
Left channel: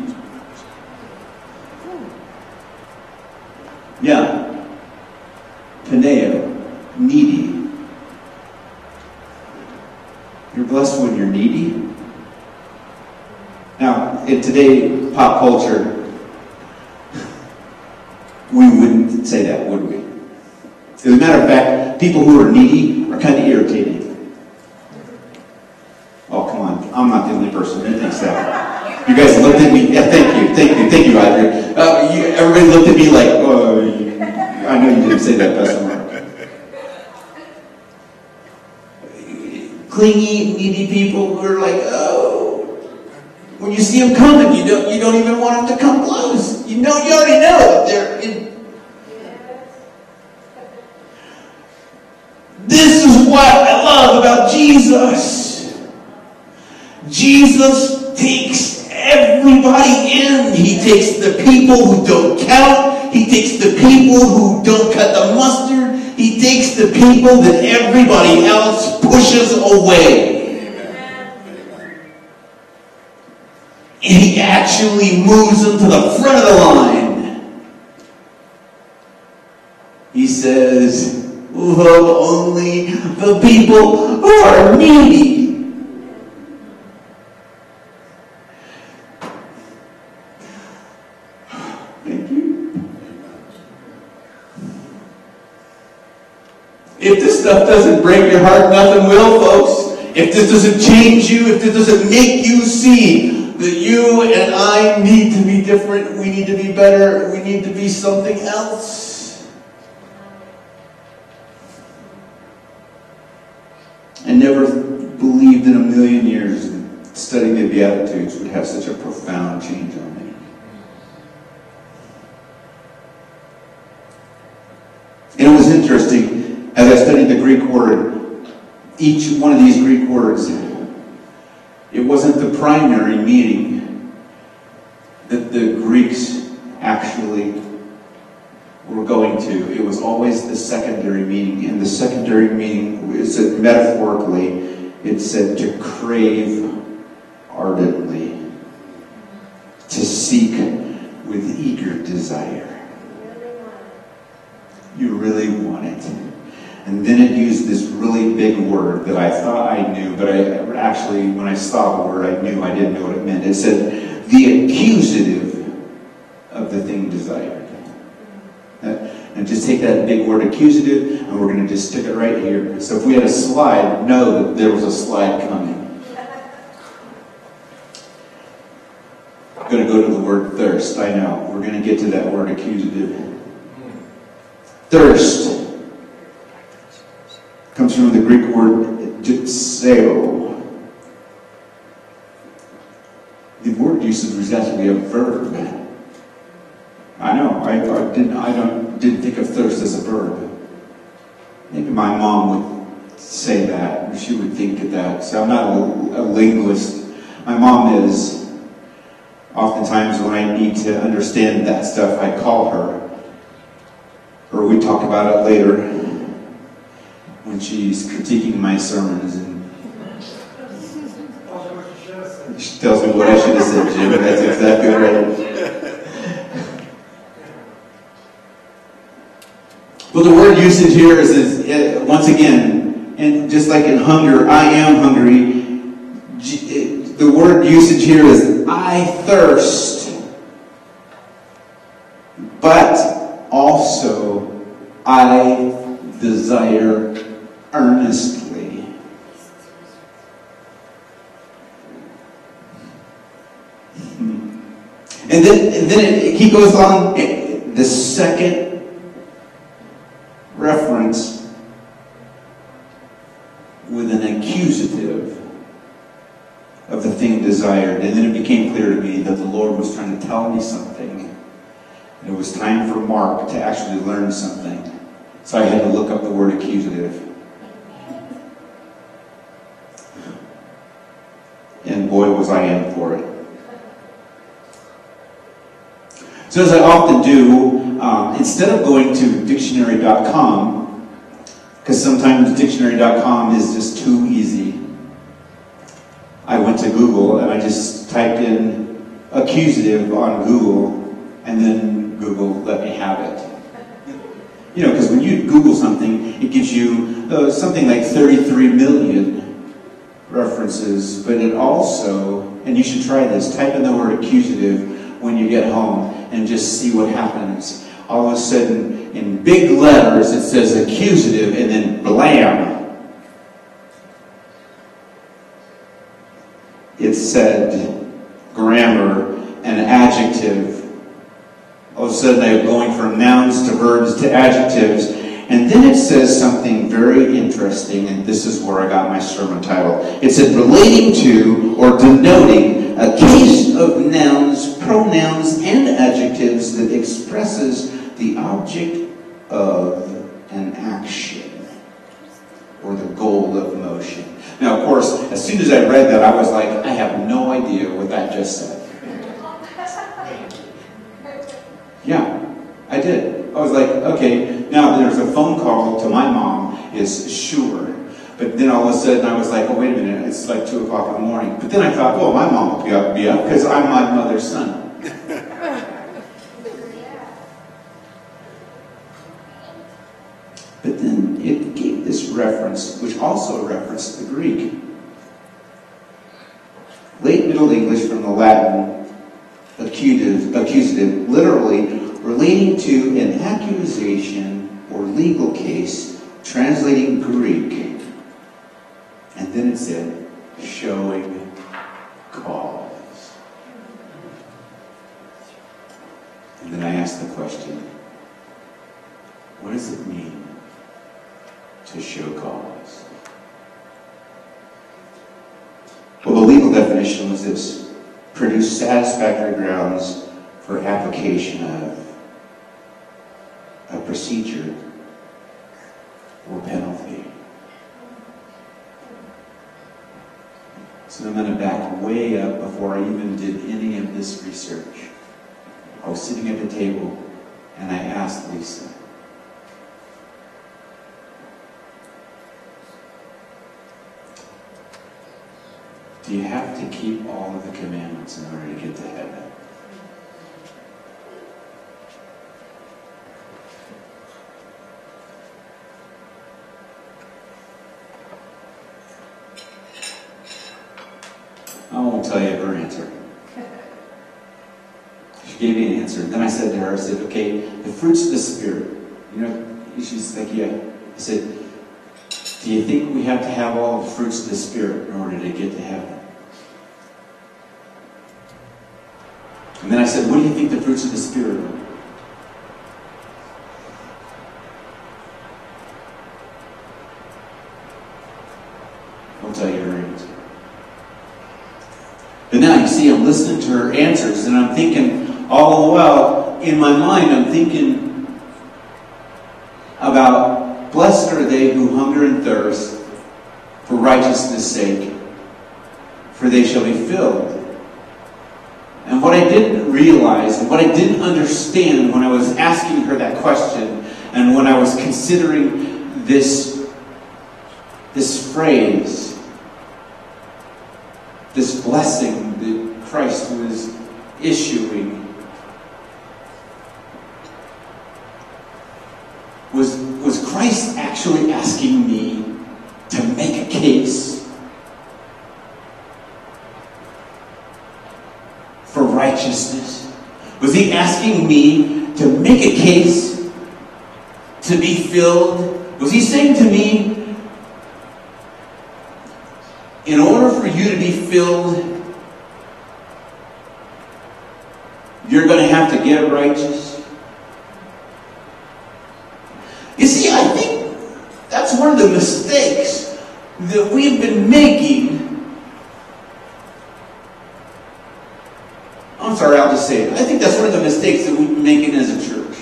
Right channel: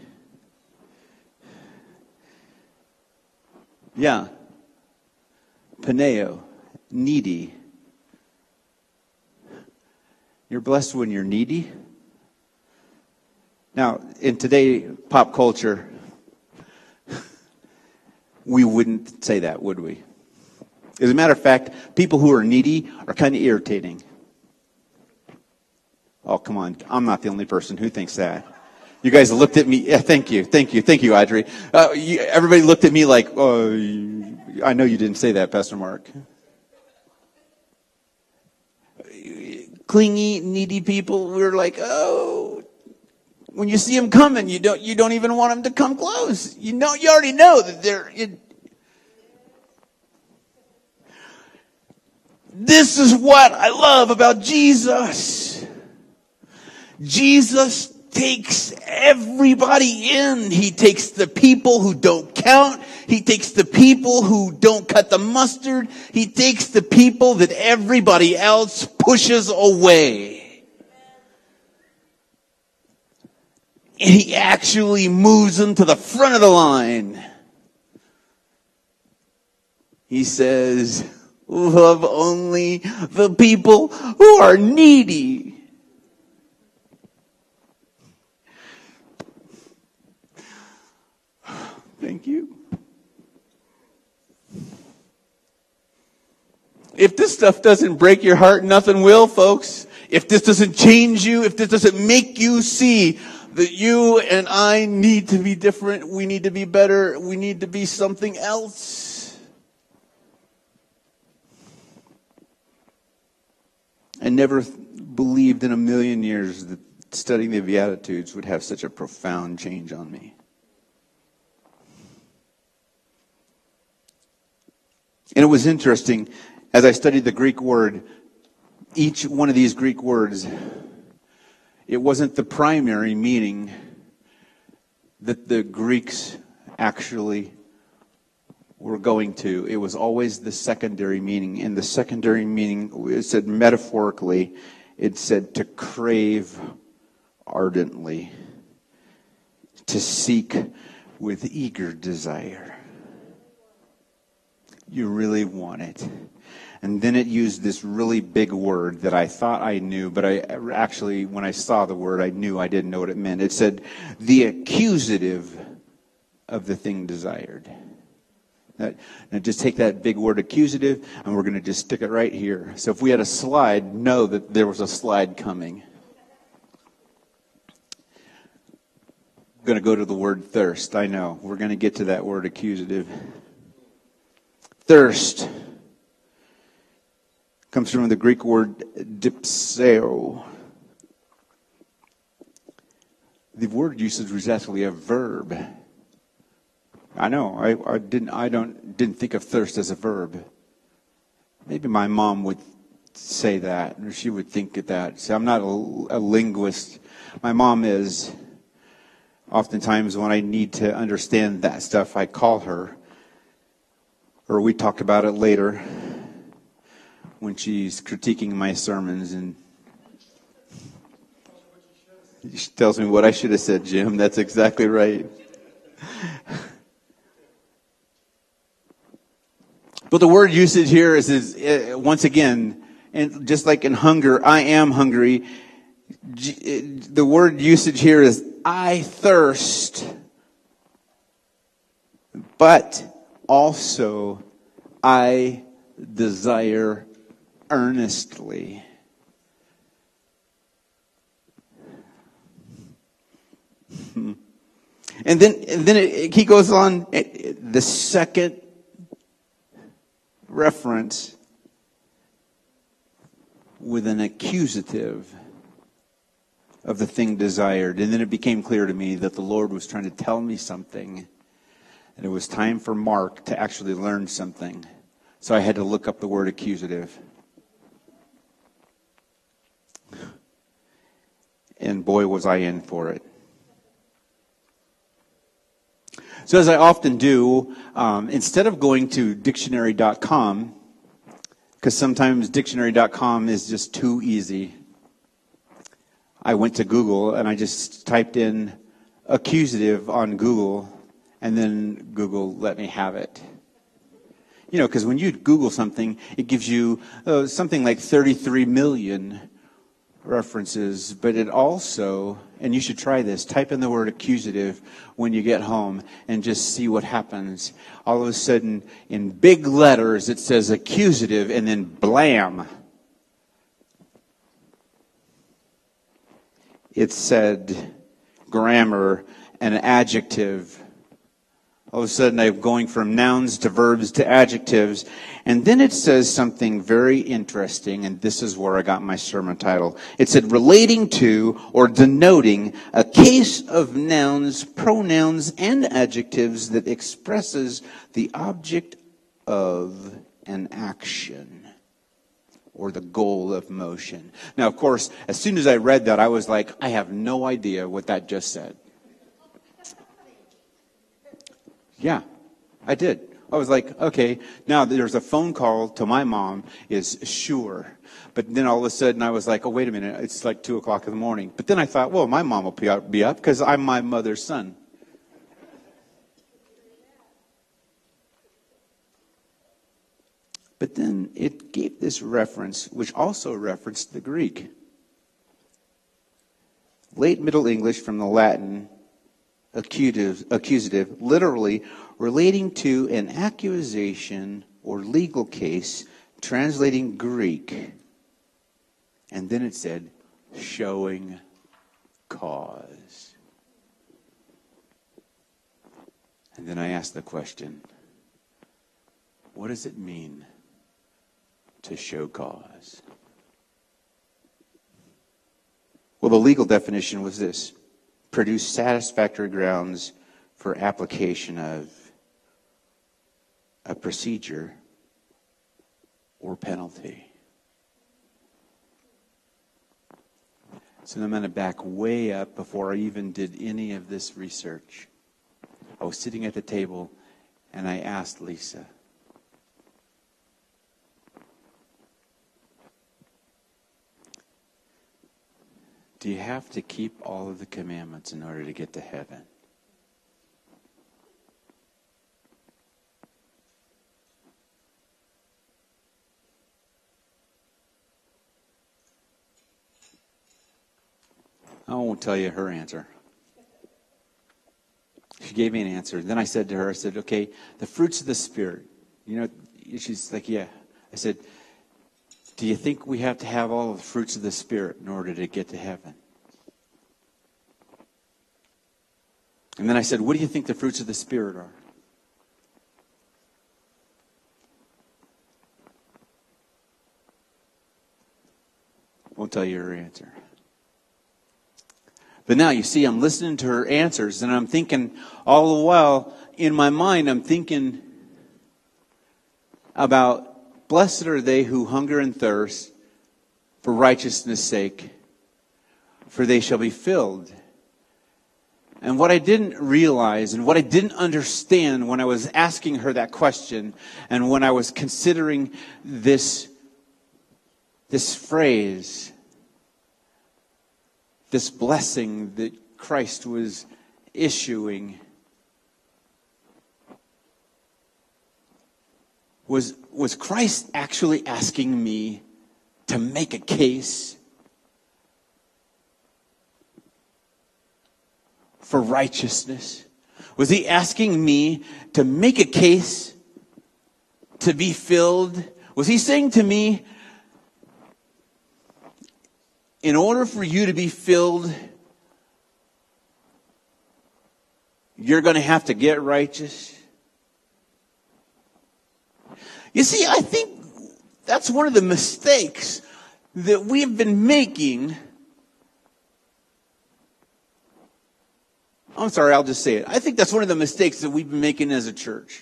Yeah. Peneo, needy. You're blessed when you're needy. Now, in today's pop culture, we wouldn't say that, would we? As a matter of fact, people who are needy are kind of irritating. Oh, come on. I'm not the only person who thinks that. You guys looked at me. Yeah, thank you, Audrey. Everybody looked at me like, oh, I know you didn't say that, customer. Clingy, needy people who are like, oh, when you see them coming, you don't even want them to come close. You already know that they're in. This is what I love about Jesus. Jesus takes everybody in. He takes the people who don't count. He takes the people who don't cut the mustard. He takes the people that everybody else pushes away. And he actually moves them to the front of the line. He says, love only the people who are needy. If this stuff doesn't break your heart, nothing will, folks. If this doesn't change you, if this doesn't make you see that you and I need to be different, we need to be better, we need to be something else. I never believed in a million years that studying the Beatitudes would have such a profound change on me. And it was interesting. As I studied the Greek word, each one of these Greek words, it wasn't the primary meaning that the Greeks actually were going to. It was always the secondary meaning. And the secondary meaning, it said metaphorically, it said to crave ardently, to seek with eager desire. You really want it. And then it used this really big word that I thought I knew, but I actually, when I saw the word, I knew I didn't know what it meant. It said, the accusative of the thing desired. And just take that big word accusative, and we're going to just stick it right here. So if we had a slide, know that there was a slide coming. I'm going to go to the word thirst. I know. We're going to get to that word accusative. Thirst comes from the Greek word dipseo. The word usage was actually a verb. I know, I didn't think of thirst as a verb. Maybe my mom would say that, or she would think of that. So I'm not a linguist. My mom is. Oftentimes when I need to understand that stuff, I call her. Or we talk about it later when she's critiquing my sermons, and she tells me what I should have said, Jim. That's exactly right. But the word usage here is once again, and just like in hunger, I am hungry. The word usage here is I thirst, but also I desire earnestly. And then he goes on, the second reference with an accusative of the thing desired. And then it became clear to me that the Lord was trying to tell me something. And it was time for Mark to actually learn something. So I had to look up the word accusative. And boy, was I in for it. So as I often do, instead of going to dictionary.com, because sometimes dictionary.com is just too easy, I went to Google and I just typed in accusative on Google, and then Google let me have it. You know, because when you Google something, it gives you something like 33 million references, but it also, and you should try this, type in the word accusative when you get home and just see what happens. All of a sudden, in big letters, it says accusative, and then blam. It said grammar and adjective. All of a sudden, I'm going from nouns to verbs to adjectives. And then it says something very interesting, and this is where I got my sermon title. It said relating to or denoting a case of nouns, pronouns, and adjectives that expresses the object of an action or the goal of motion. Now, of course, as soon as I read that, I was like, I have no idea what that just said. Yeah, I did. I was like, okay, now there's a phone call to my mom, is sure. But then all of a sudden I was like, oh, wait a minute, it's like 2 o'clock in the morning. But then I thought, well, my mom will be up because I'm my mother's son. But then it gave this reference, which also referenced the Greek. Late Middle English from the Latin, accusative, literally relating to an accusation or legal case, translating Greek. And then it said, showing cause. And then I asked the question, what does it mean to show cause? Well, the legal definition was this: produce satisfactory grounds for application of a procedure or penalty. So I'm going to back way up before I even did any of this research. I was sitting at the table and I asked Lisa, do you have to keep all of the commandments in order to get to heaven? I won't tell you her answer. She gave me an answer. And then I said to her, I said, okay, the fruits of the Spirit. You know, she's like, yeah. I said, do you think we have to have all the fruits of the Spirit in order to get to heaven? And then I said, what do you think the fruits of the Spirit are? Won't tell you her answer. But now you see, I'm listening to her answers, and I'm thinking, all the while, in my mind, I'm thinking about, blessed are they who hunger and thirst for righteousness' sake, for they shall be filled. And what I didn't realize, what I didn't understand when I was asking her that question, and when I was considering this phrase, this blessing that Christ was issuing, was Christ actually asking me to make a case for righteousness? Was he asking me to make a case to be filled? Was he saying to me, in order for you to be filled, righteous? You see, I think that's one of the mistakes that we've been making. I'm sorry, I'll just say it. I think that's one of the mistakes that we've been making as a church.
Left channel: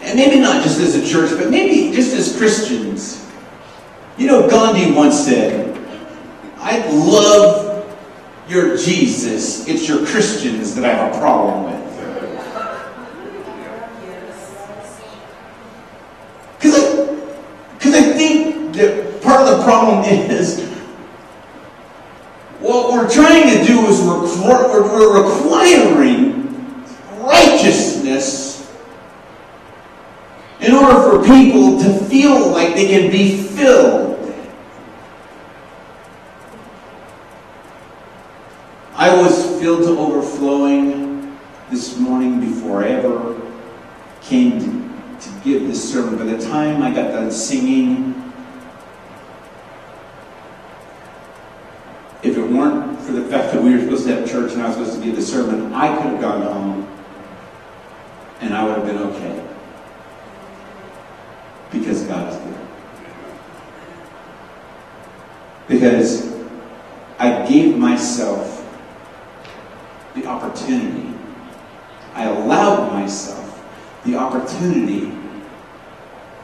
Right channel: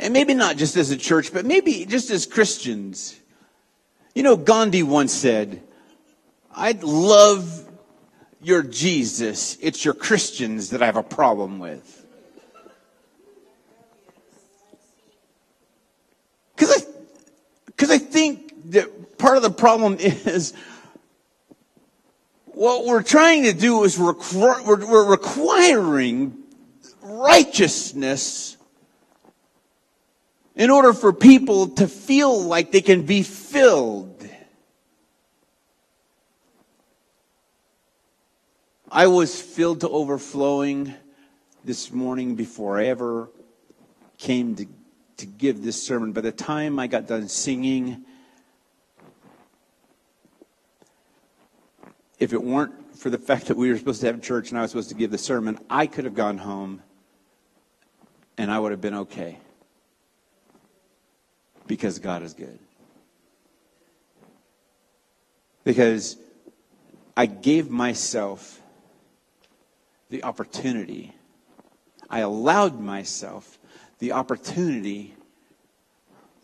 And maybe not just as a church, but maybe just as Christians. You know, Gandhi once said, "I love your Jesus. It's your Christians that I have a problem with." Because I think that part of the problem is what we're trying to do is we're requiring righteousness in order for people to feel like they can be filled. I was filled to overflowing this morning before I ever came to give this sermon. By the time I got done singing, if it weren't for the fact that we were supposed to have church and I was supposed to give the sermon, I could have gone home and I would have been okay. Because God is good. Because I gave myself the opportunity. I allowed myself the opportunity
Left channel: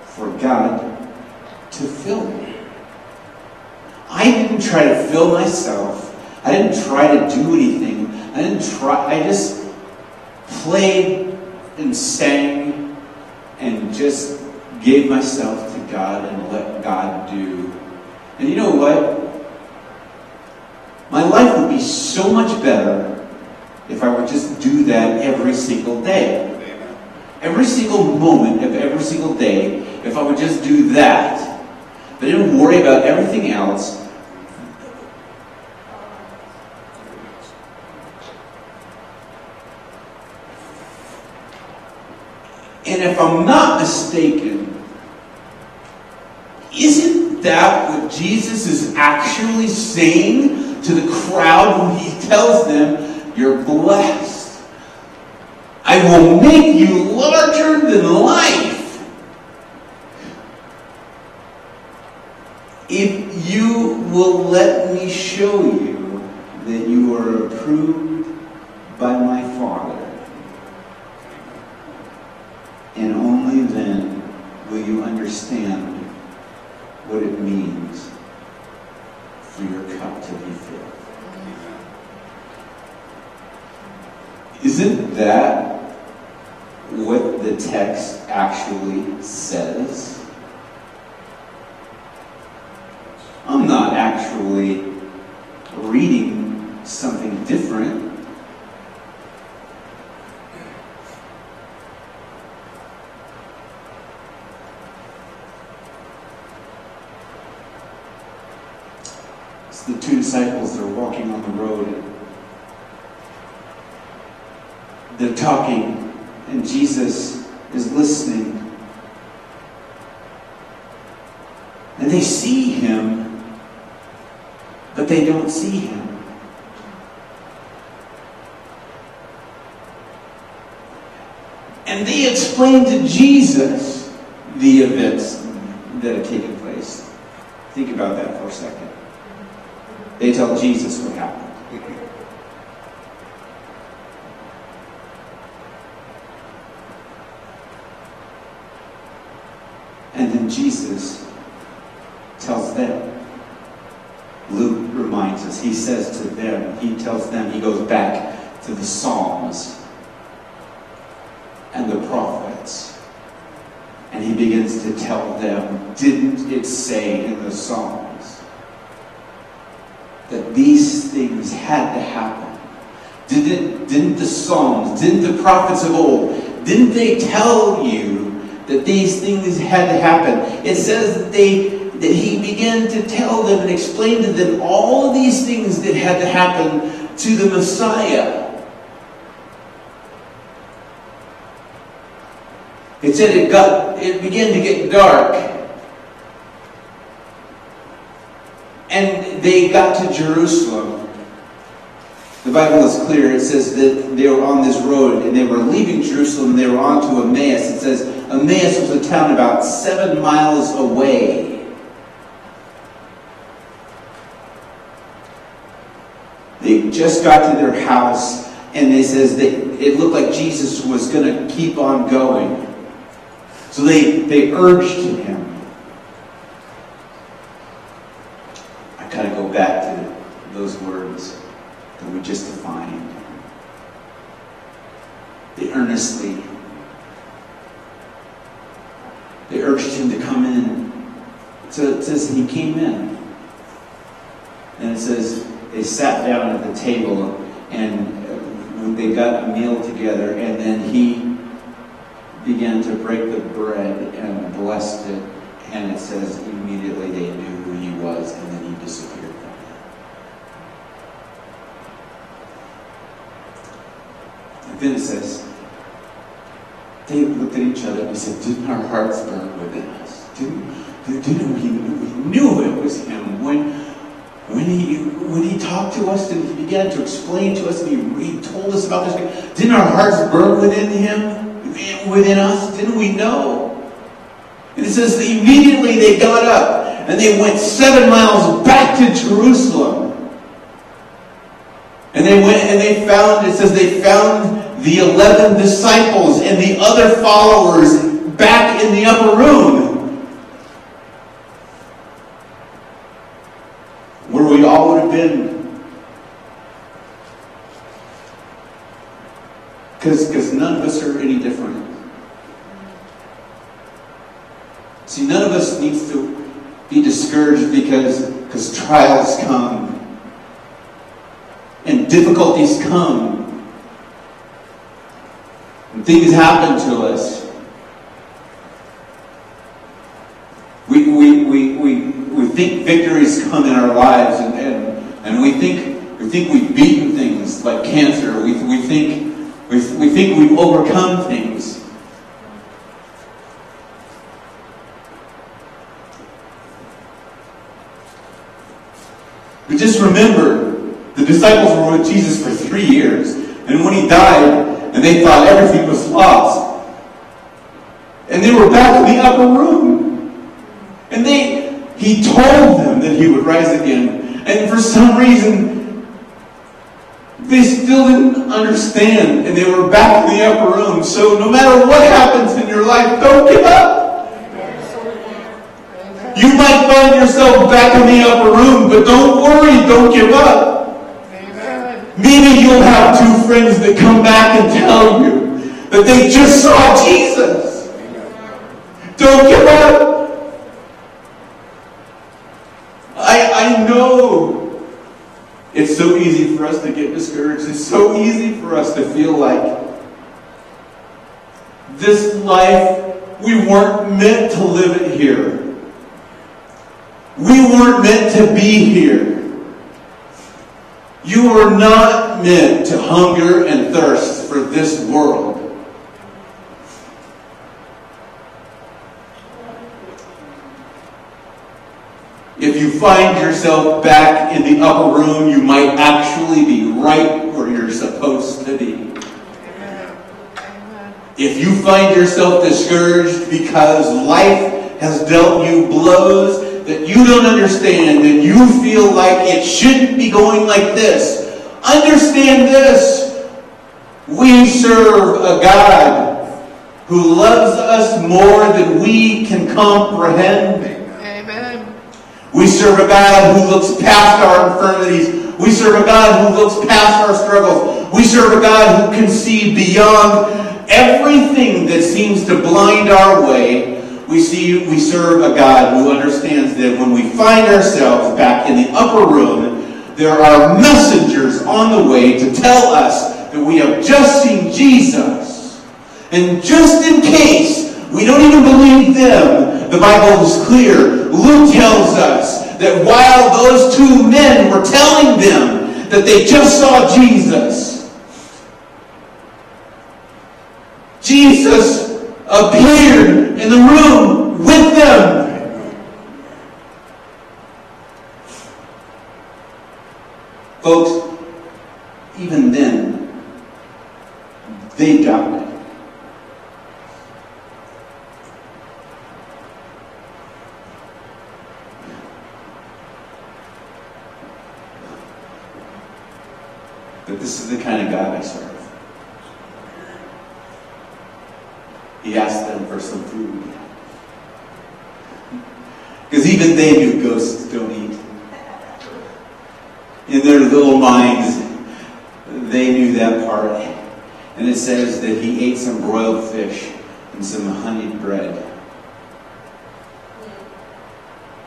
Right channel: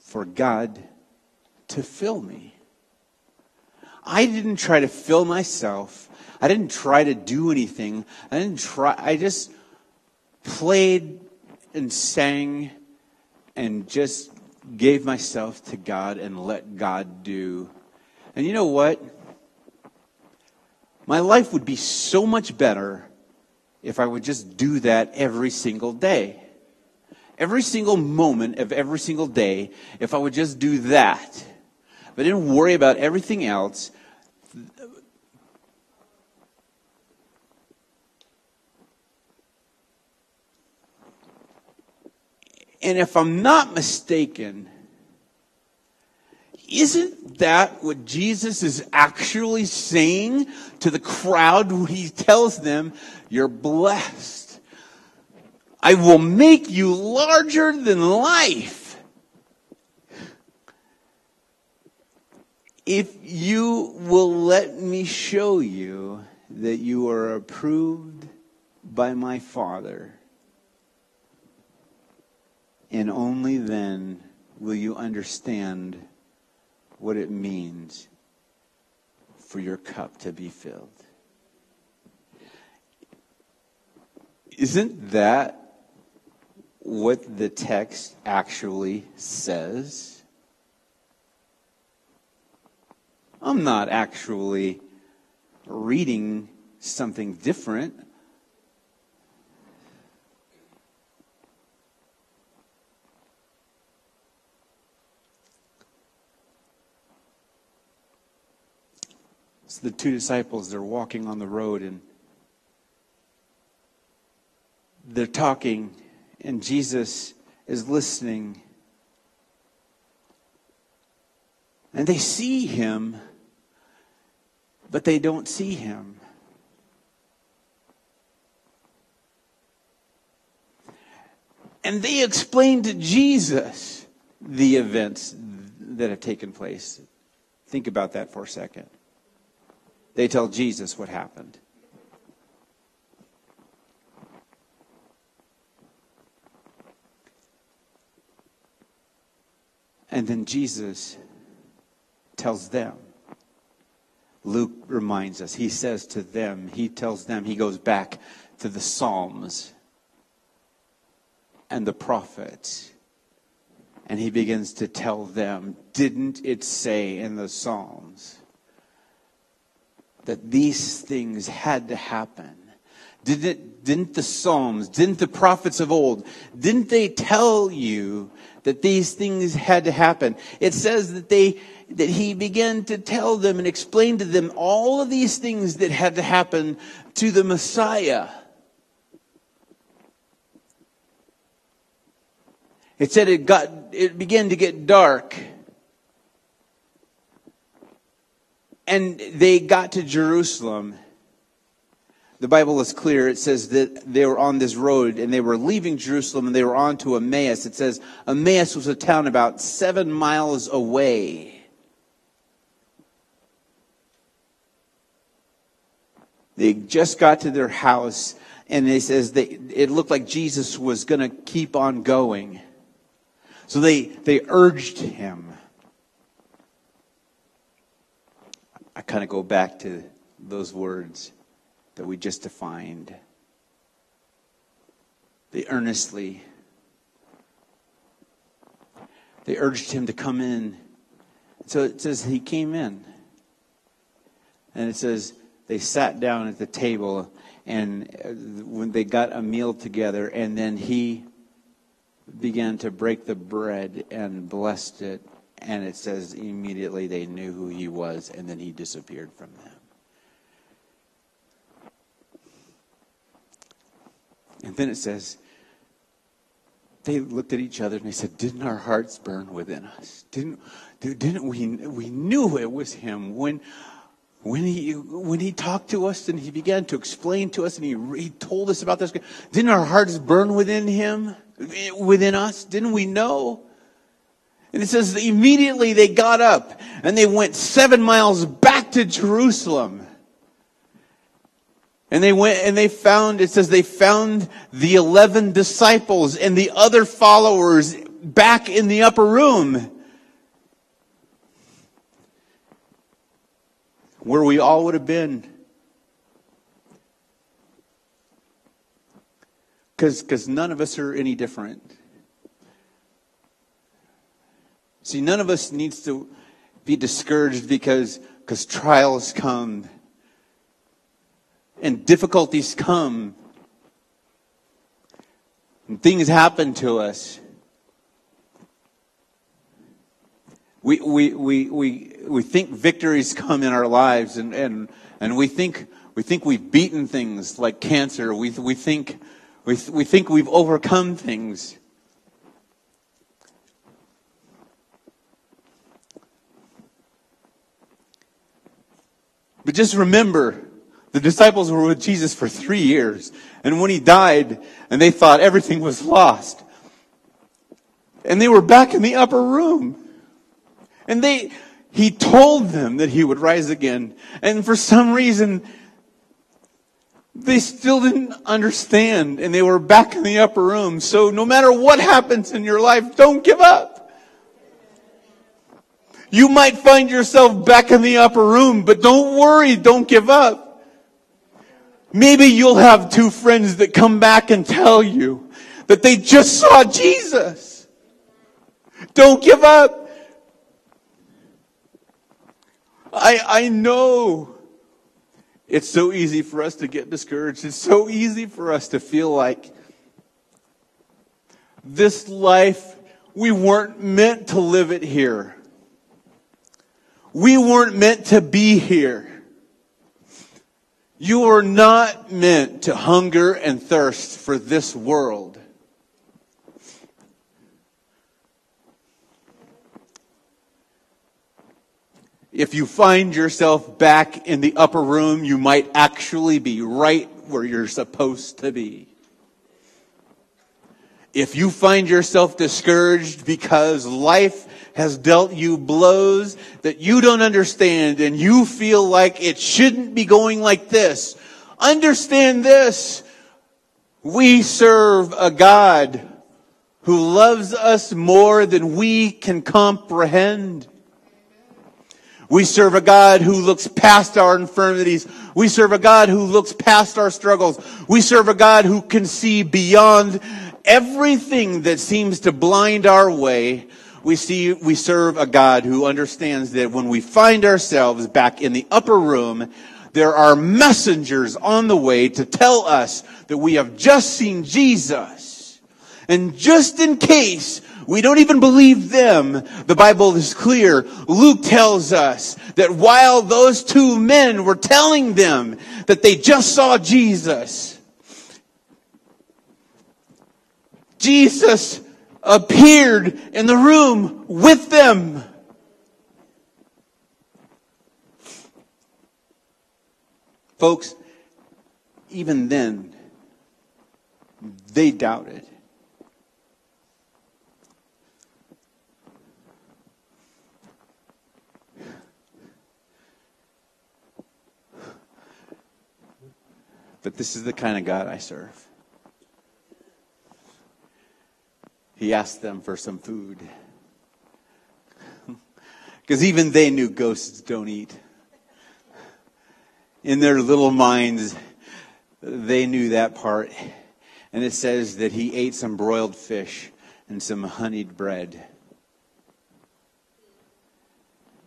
for God to fill me. I didn't try to fill myself. I didn't try to do anything. I just played and sang and just gave myself to God and let God do. And you know what? My life would be so much better if I would just do that every single day. Every single moment of every single day, if I would just do that. But I didn't worry about everything else. And if I'm not mistaken, isn't that what Jesus is actually saying to the crowd when he tells them, "You're blessed. I will make you larger than life if you will let me show you that you are approved by my Father. And only then will you understand what it means for your cup to be filled." Isn't that what the text actually says? I'm not actually reading something different. So the two disciples are walking on the road and they're talking, and Jesus is listening. And they see him, but they don't see him. And they explain to Jesus the events that have taken place. Think about that for a second. They tell Jesus what happened. And then Jesus tells them. Luke reminds us, he says to them, he tells them, he goes back to the Psalms and the prophets. And he begins to tell them, didn't it say in the Psalms that these things had to happen? Didn't the Psalms, didn't the prophets of old, didn't they tell you that these things had to happen? It says that he began to tell them and explain to them all of these things that had to happen to the Messiah. It said it began to get dark. And they got to Jerusalem. the Bible is clear. It says that they were on this road and they were leaving Jerusalem. They were on to Emmaus. It says Emmaus was a town about 7 miles away. They just got to their house, and it says that it looked like Jesus was going to keep on going. So they urged him. I kind of go back to those words that we just defined. They earnestly, they urged him to come in. So it says he came in. And it says they sat down at the table and they got a meal together, and then he began to break the bread and blessed it. And it says immediately they knew who he was, and then he disappeared from them. And then it says, they looked at each other and they said, didn't our hearts burn within us? Didn't we knew it was him when he talked to us and he began to explain to us and he told us about this. Didn't our hearts burn within him, within us? Didn't we know? And it says that immediately they got up and they went 7 miles back to Jerusalem. And they went and they found, it says they found the 11 disciples and the other followers back in the upper room, where we all would have been. Because none of us are any different. See, none of us needs to be discouraged because trials come and difficulties come. And things happen to us. We think victories come in our lives, and we think we've beaten things like cancer. We think we've overcome things. But just remember, the disciples were with Jesus for 3 years, and when he died, and they thought everything was lost, and they were back in the upper room, and he told them that he would rise again, and for some reason, they still didn't understand, and they were back in the upper room. So no matter what happens in your life, don't give up. You might find yourself back in the upper room, but don't worry, don't give up. Maybe you'll have 2 friends that come back and tell you that they just saw Jesus. Don't give up. I know it's so easy for us to get discouraged. It's so easy for us to feel like this life, we weren't meant to live it here. We weren't meant to be here. You were not meant to hunger and thirst for this world. If you find yourself back in the upper room, you might actually be right where you're supposed to be. If you find yourself discouraged because life has dealt you blows that you don't understand and you feel like it shouldn't be going like this, understand this. We serve a God who loves us more than we can comprehend. Amen. We serve a God who looks past our infirmities. We serve a God who looks past our struggles. We serve a God who can see beyond everything that seems to blind our way. We serve a God who understands that when we find ourselves back in the upper room, there are messengers on the way to tell us that we have just seen Jesus. And just in case we don't even believe them, the Bible is clear. Luke tells us that while those 2 men were telling them that they just saw Jesus, Jesus appeared in the room with them. Folks, But this is the kind of God I serve. He asked them for some food. Because even they knew ghosts don't eat. In their little minds, they knew that part. And it says that he ate some broiled fish and some honeyed bread.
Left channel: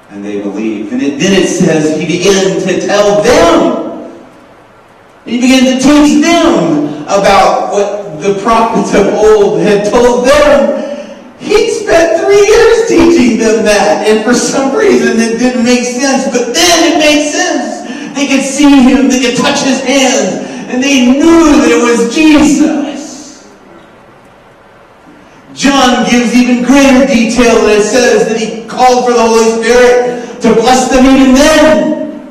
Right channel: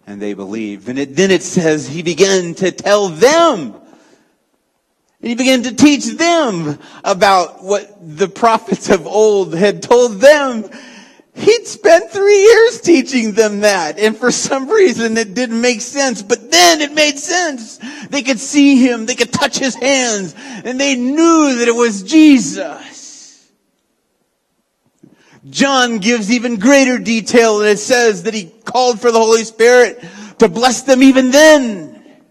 And they believed. And then it says he began to tell them. He began to teach them about what the prophets of old had told them. He'd spent 3 years teaching them that. And for some reason it didn't make sense. But then it made sense. They could see him. They could touch his hands. And they knew that it was Jesus. John gives even greater detail, and it says that he called for the Holy Spirit to bless them even then.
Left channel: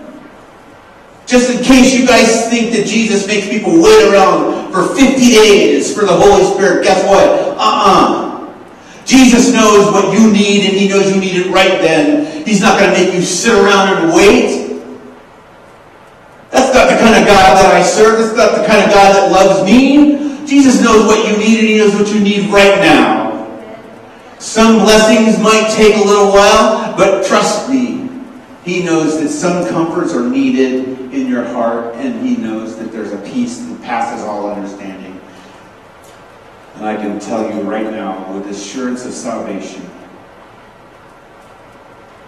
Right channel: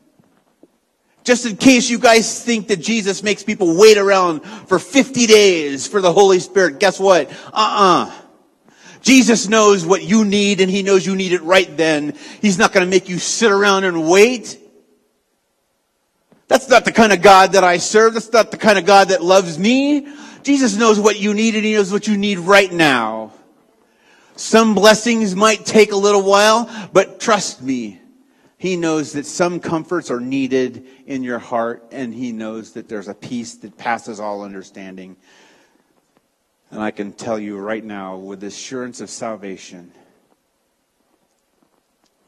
Just in case you guys think that Jesus makes people wait around for 50 days for the Holy Spirit, guess what? Jesus knows what you need, and he knows you need it right then. He's not going to make you sit around and wait. That's not the kind of God that I serve. That's not the kind of God that loves me. Jesus knows what you need, and he knows what you need right now. Some blessings might take a little while, but trust me, he knows that some comforts are needed in your heart, and he knows that there's a peace that passes all understanding. And I can tell you right now, with assurance of salvation,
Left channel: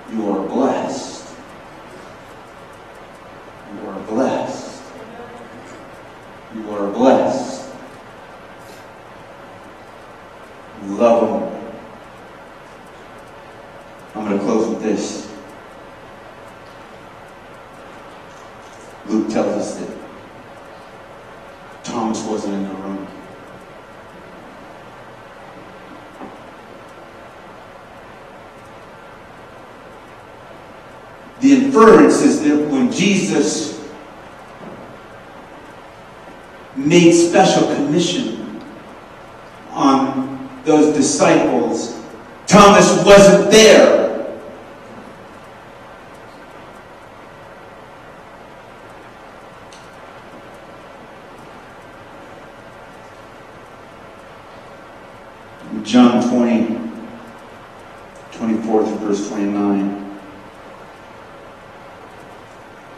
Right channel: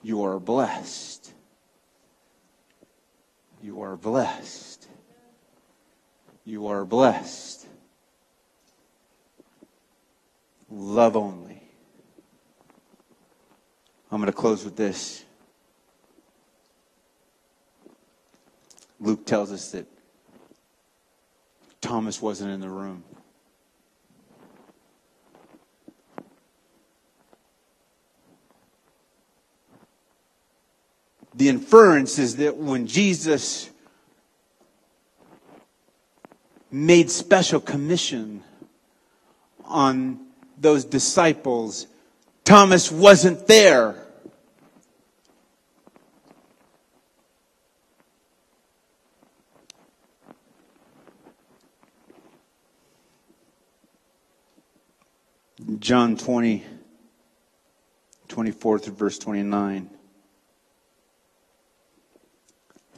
you are blessed. You are blessed. You are blessed. Love him. I'm going to close with this. Luke tells us that Thomas wasn't in the room. The inference is that when Jesus made special commission on those disciples, Thomas wasn't there. John 20, 24 through verse 29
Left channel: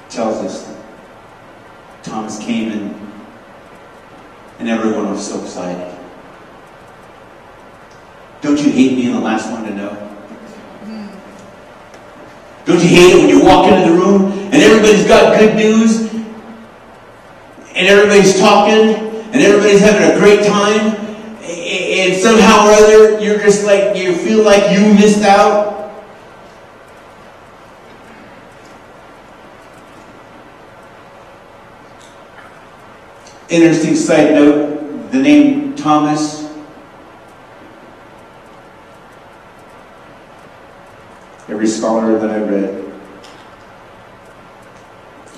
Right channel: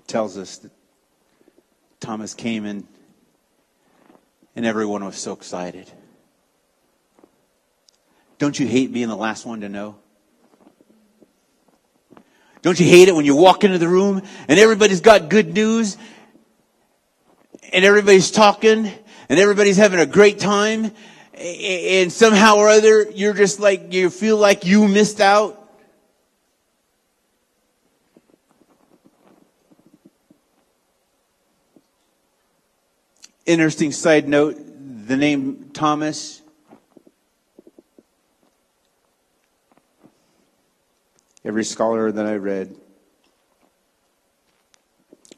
tells us Thomas came in and everyone was so excited. Don't you hate being the last one to know? Don't you hate it when you walk into the room and everybody's got good news and everybody's talking and everybody's having a great time and somehow or other you're just like, you feel like you missed out? Interesting side note, the name Thomas every scholar that I read,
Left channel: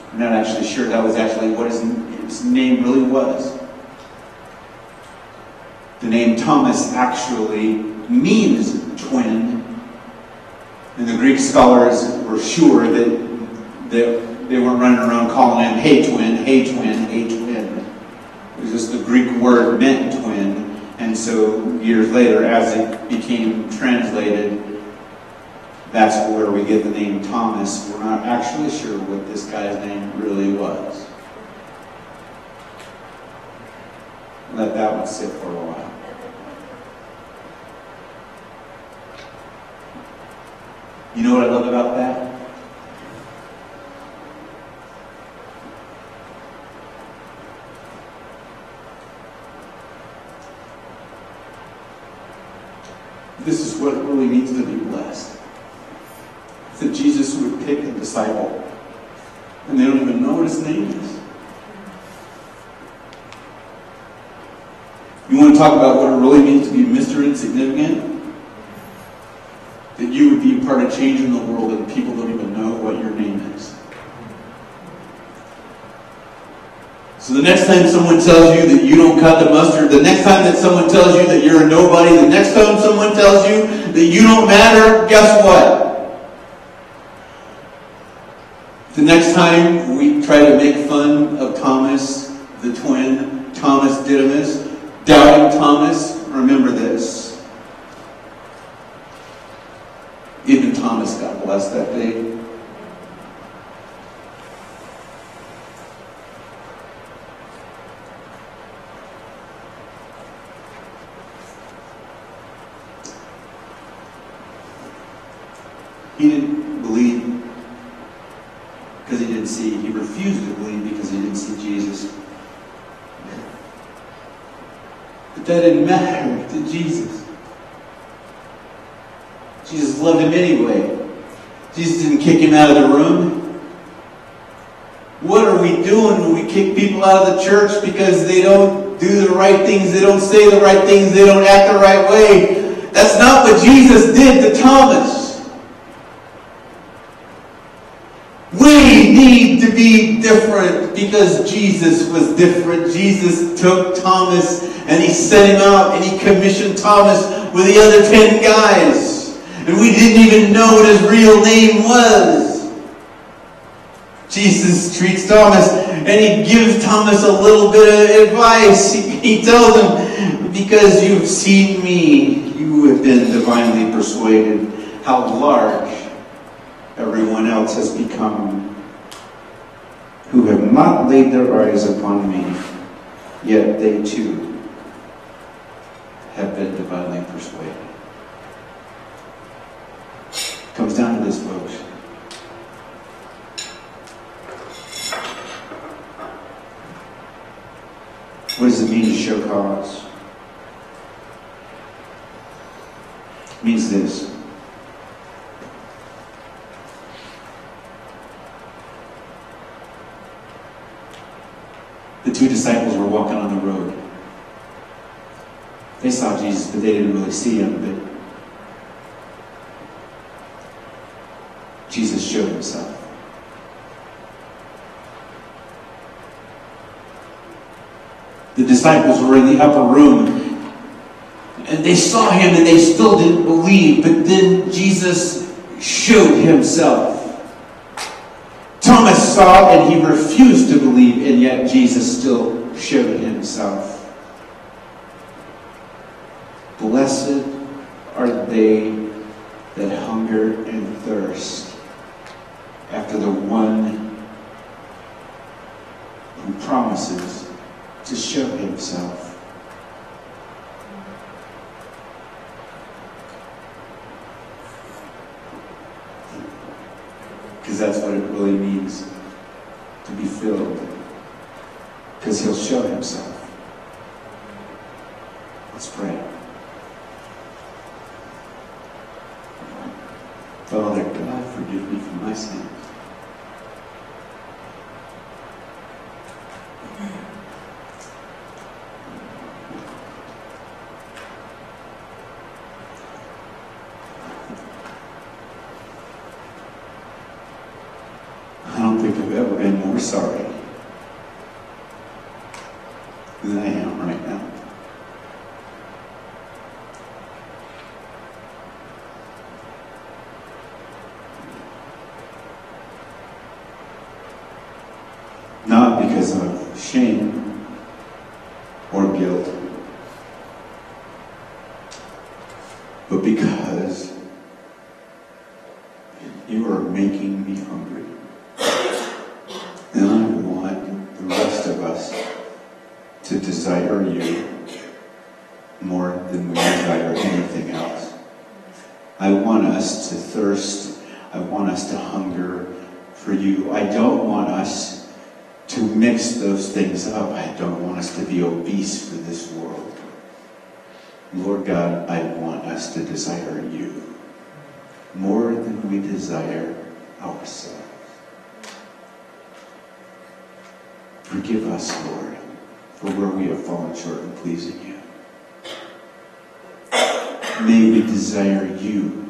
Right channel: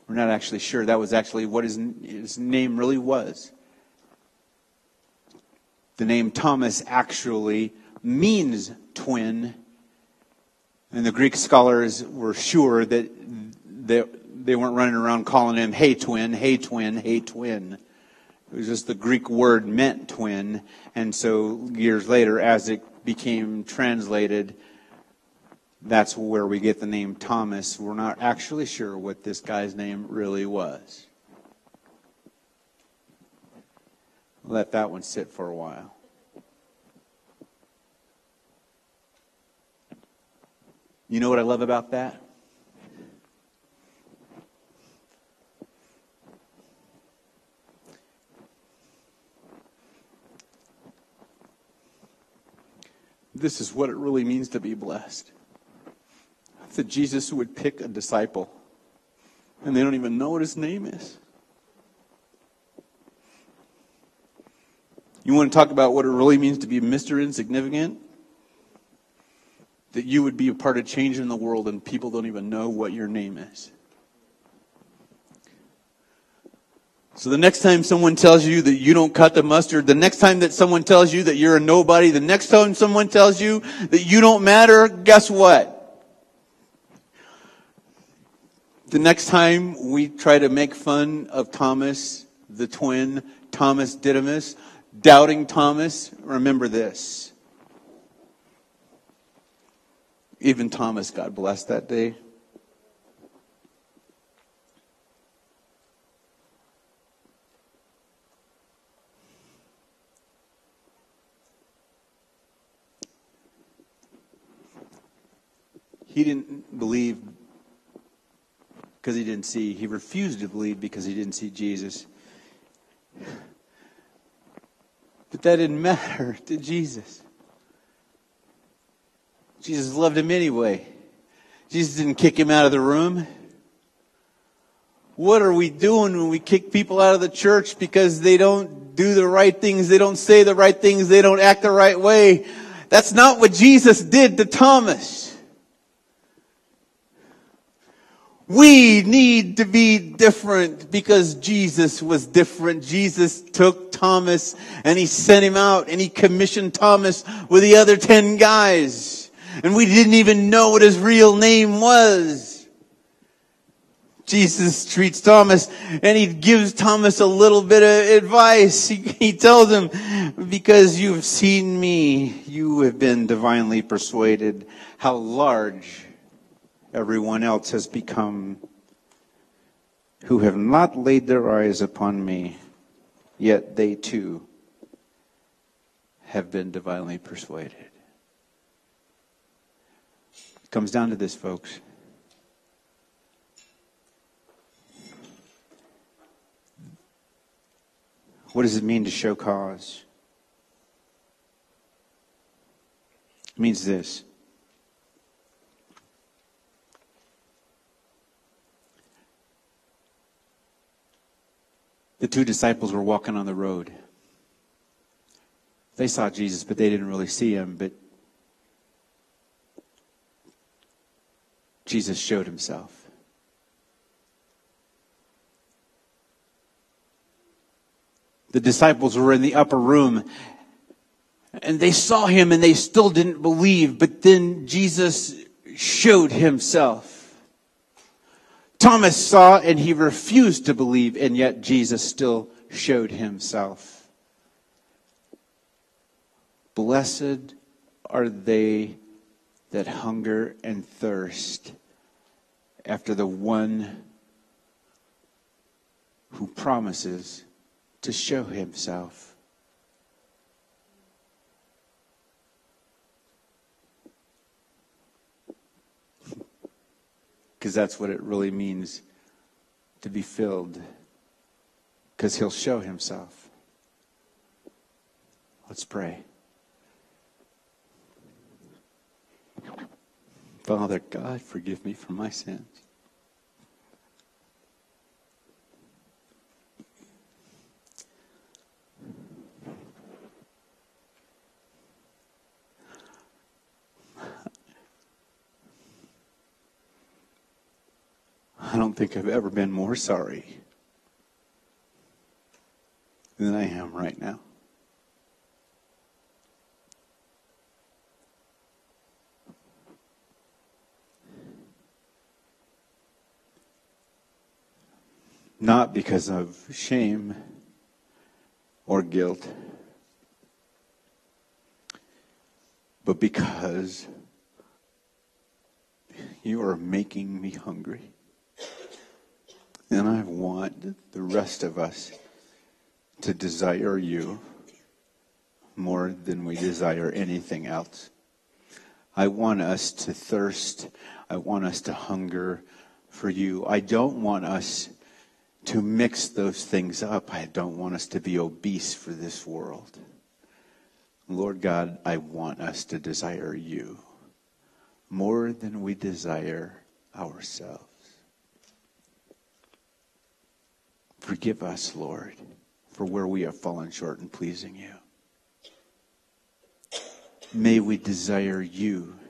I'm not actually sure that was actually what his name really was. The name Thomas actually means twin, and the Greek scholars were sure that they weren't running around calling him, hey twin, hey twin, hey twin. It was just the Greek word meant twin, and so years later, as it became translated, that's where we get the name Thomas. We're not actually sure what this guy's name really was. Let that one sit for a while. You know what I love about that? This is what it really means to be blessed. That Jesus would pick a disciple and they don't even know what his name is. You want to talk about what it really means to be Mr. Insignificant? That you would be a part of changing the world and people don't even know what your name is. So the next time someone tells you that you don't cut the mustard, the next time that someone tells you that you're a nobody, the next time someone tells you that you don't matter, guess what? The next time we try to make fun of Thomas, the twin, Thomas Didymus, doubting Thomas. Remember this. Even Thomas got blessed that day. He didn't believe because he didn't see. He refused to believe because he didn't see Jesus. But that didn't matter to Jesus. Jesus loved him anyway. Jesus didn't kick him out of the room. What are we doing when we kick people out of the church because they don't do the right things, they don't say the right things, they don't act the right way? That's not what Jesus did to Thomas. We need to be different because Jesus was different. Jesus took Thomas and he sent him out and he commissioned Thomas with the other 10 guys. And we didn't even know what his real name was. Jesus treats Thomas and he gives Thomas a little bit of advice. He tells him, because you've seen me, you have been divinely persuaded. How large everyone else has become, who have not laid their eyes upon me, yet they too have been divinely persuaded. Comes down to this, folks. What does it mean to show cause? It means this. The two disciples were walking on the road. They saw Jesus, but they didn't really see him. But Jesus showed himself. The disciples were in the upper room, and they saw him, and they still didn't believe. But then Jesus showed himself. Thomas saw and he refused to believe, and yet Jesus still showed himself. Blessed are they that hunger and thirst after the one who promises to show himself. Because that's what it really means to be filled. Because he'll show himself. Let's pray. Father God, forgive me for my sins. I don't think I've ever been more sorry than I am right now. Not because of shame or guilt, but because you are making me hungry. And I want the rest of us to desire you more than we desire anything else. I want us to thirst. I want us to hunger for you. I don't want us to mix those things up. I don't want us to be obese for this world. Lord God, I want us to desire you more than we desire ourselves. Forgive us, Lord, for where we have fallen short in pleasing you. May we desire you,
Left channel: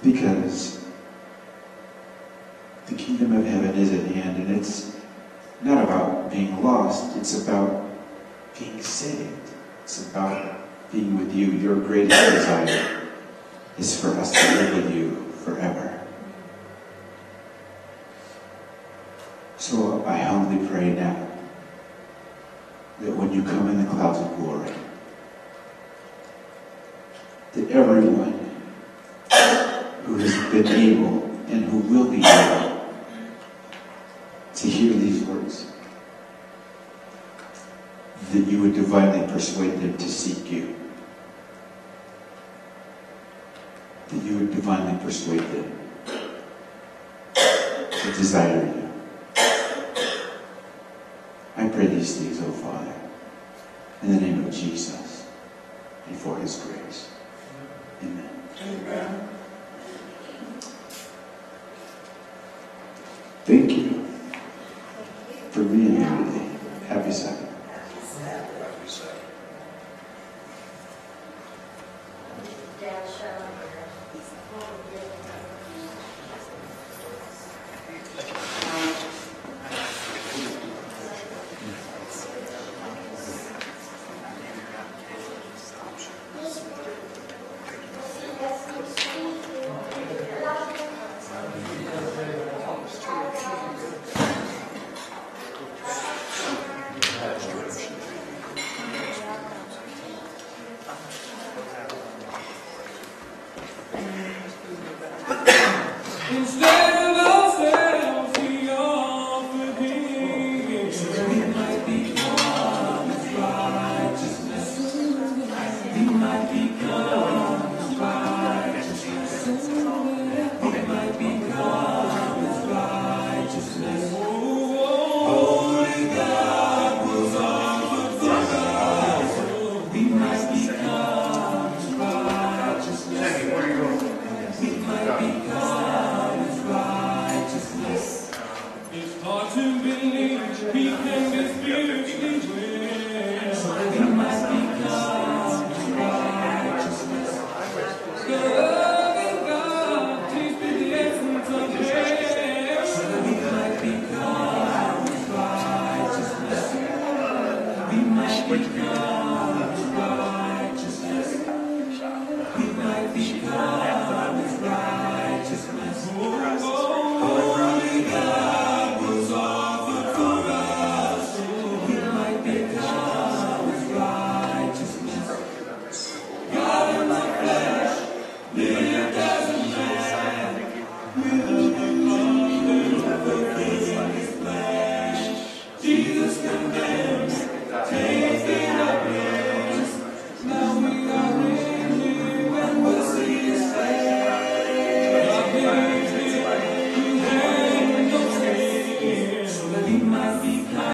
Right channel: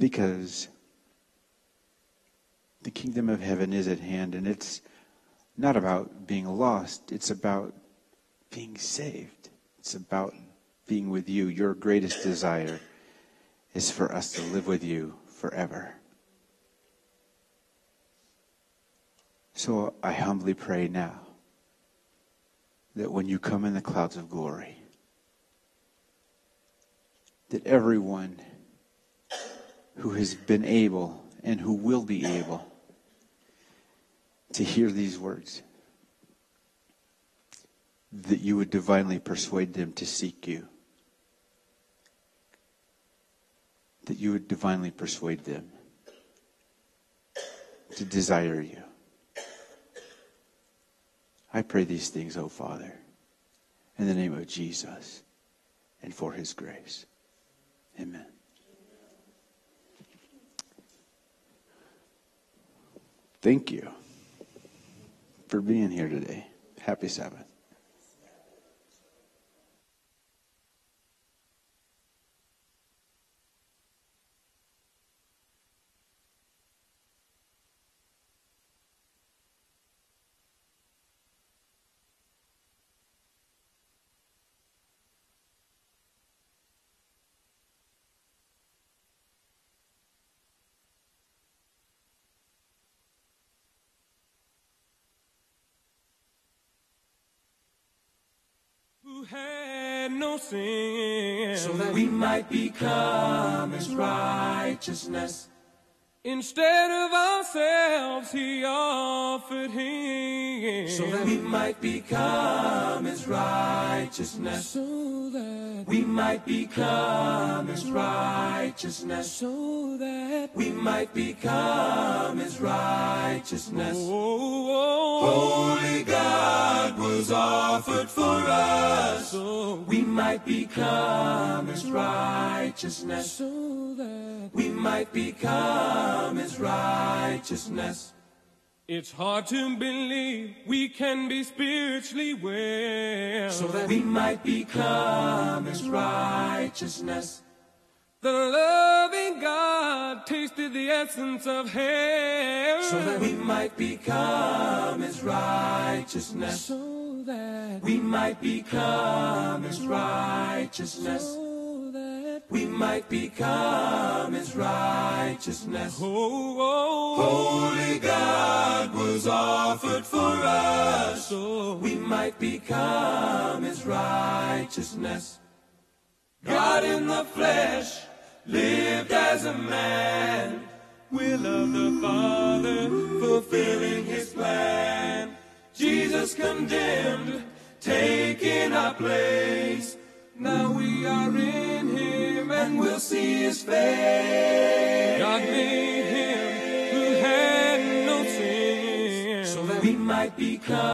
because the kingdom of heaven is at hand, and it's not about being lost, it's about being saved. It's about being with you. Your greatest desire is for us to live with you forever. I humbly pray now that when you come in the clouds of glory, that everyone who has been able and who will be able to hear these words, that you would divinely persuade them to seek you. That you would divinely persuade them to desire you. I pray these things, O Father, in the name of Jesus and for his grace. Amen. Amen. Thank you for being here today. Happy Sabbath. We might become his righteousness. Instead of ourselves, he offered him. So that we might become his righteousness. We might become his righteousness. We might become his righteousness. Holy God was offered for us. We might become his righteousness. We might become his righteousness. It's hard to believe we can be spiritually well. So that we might become his righteousness. The loving God tasted the essence of hell. So that we might become his righteousness. We might become his righteousness. We might become his righteousness. Oh,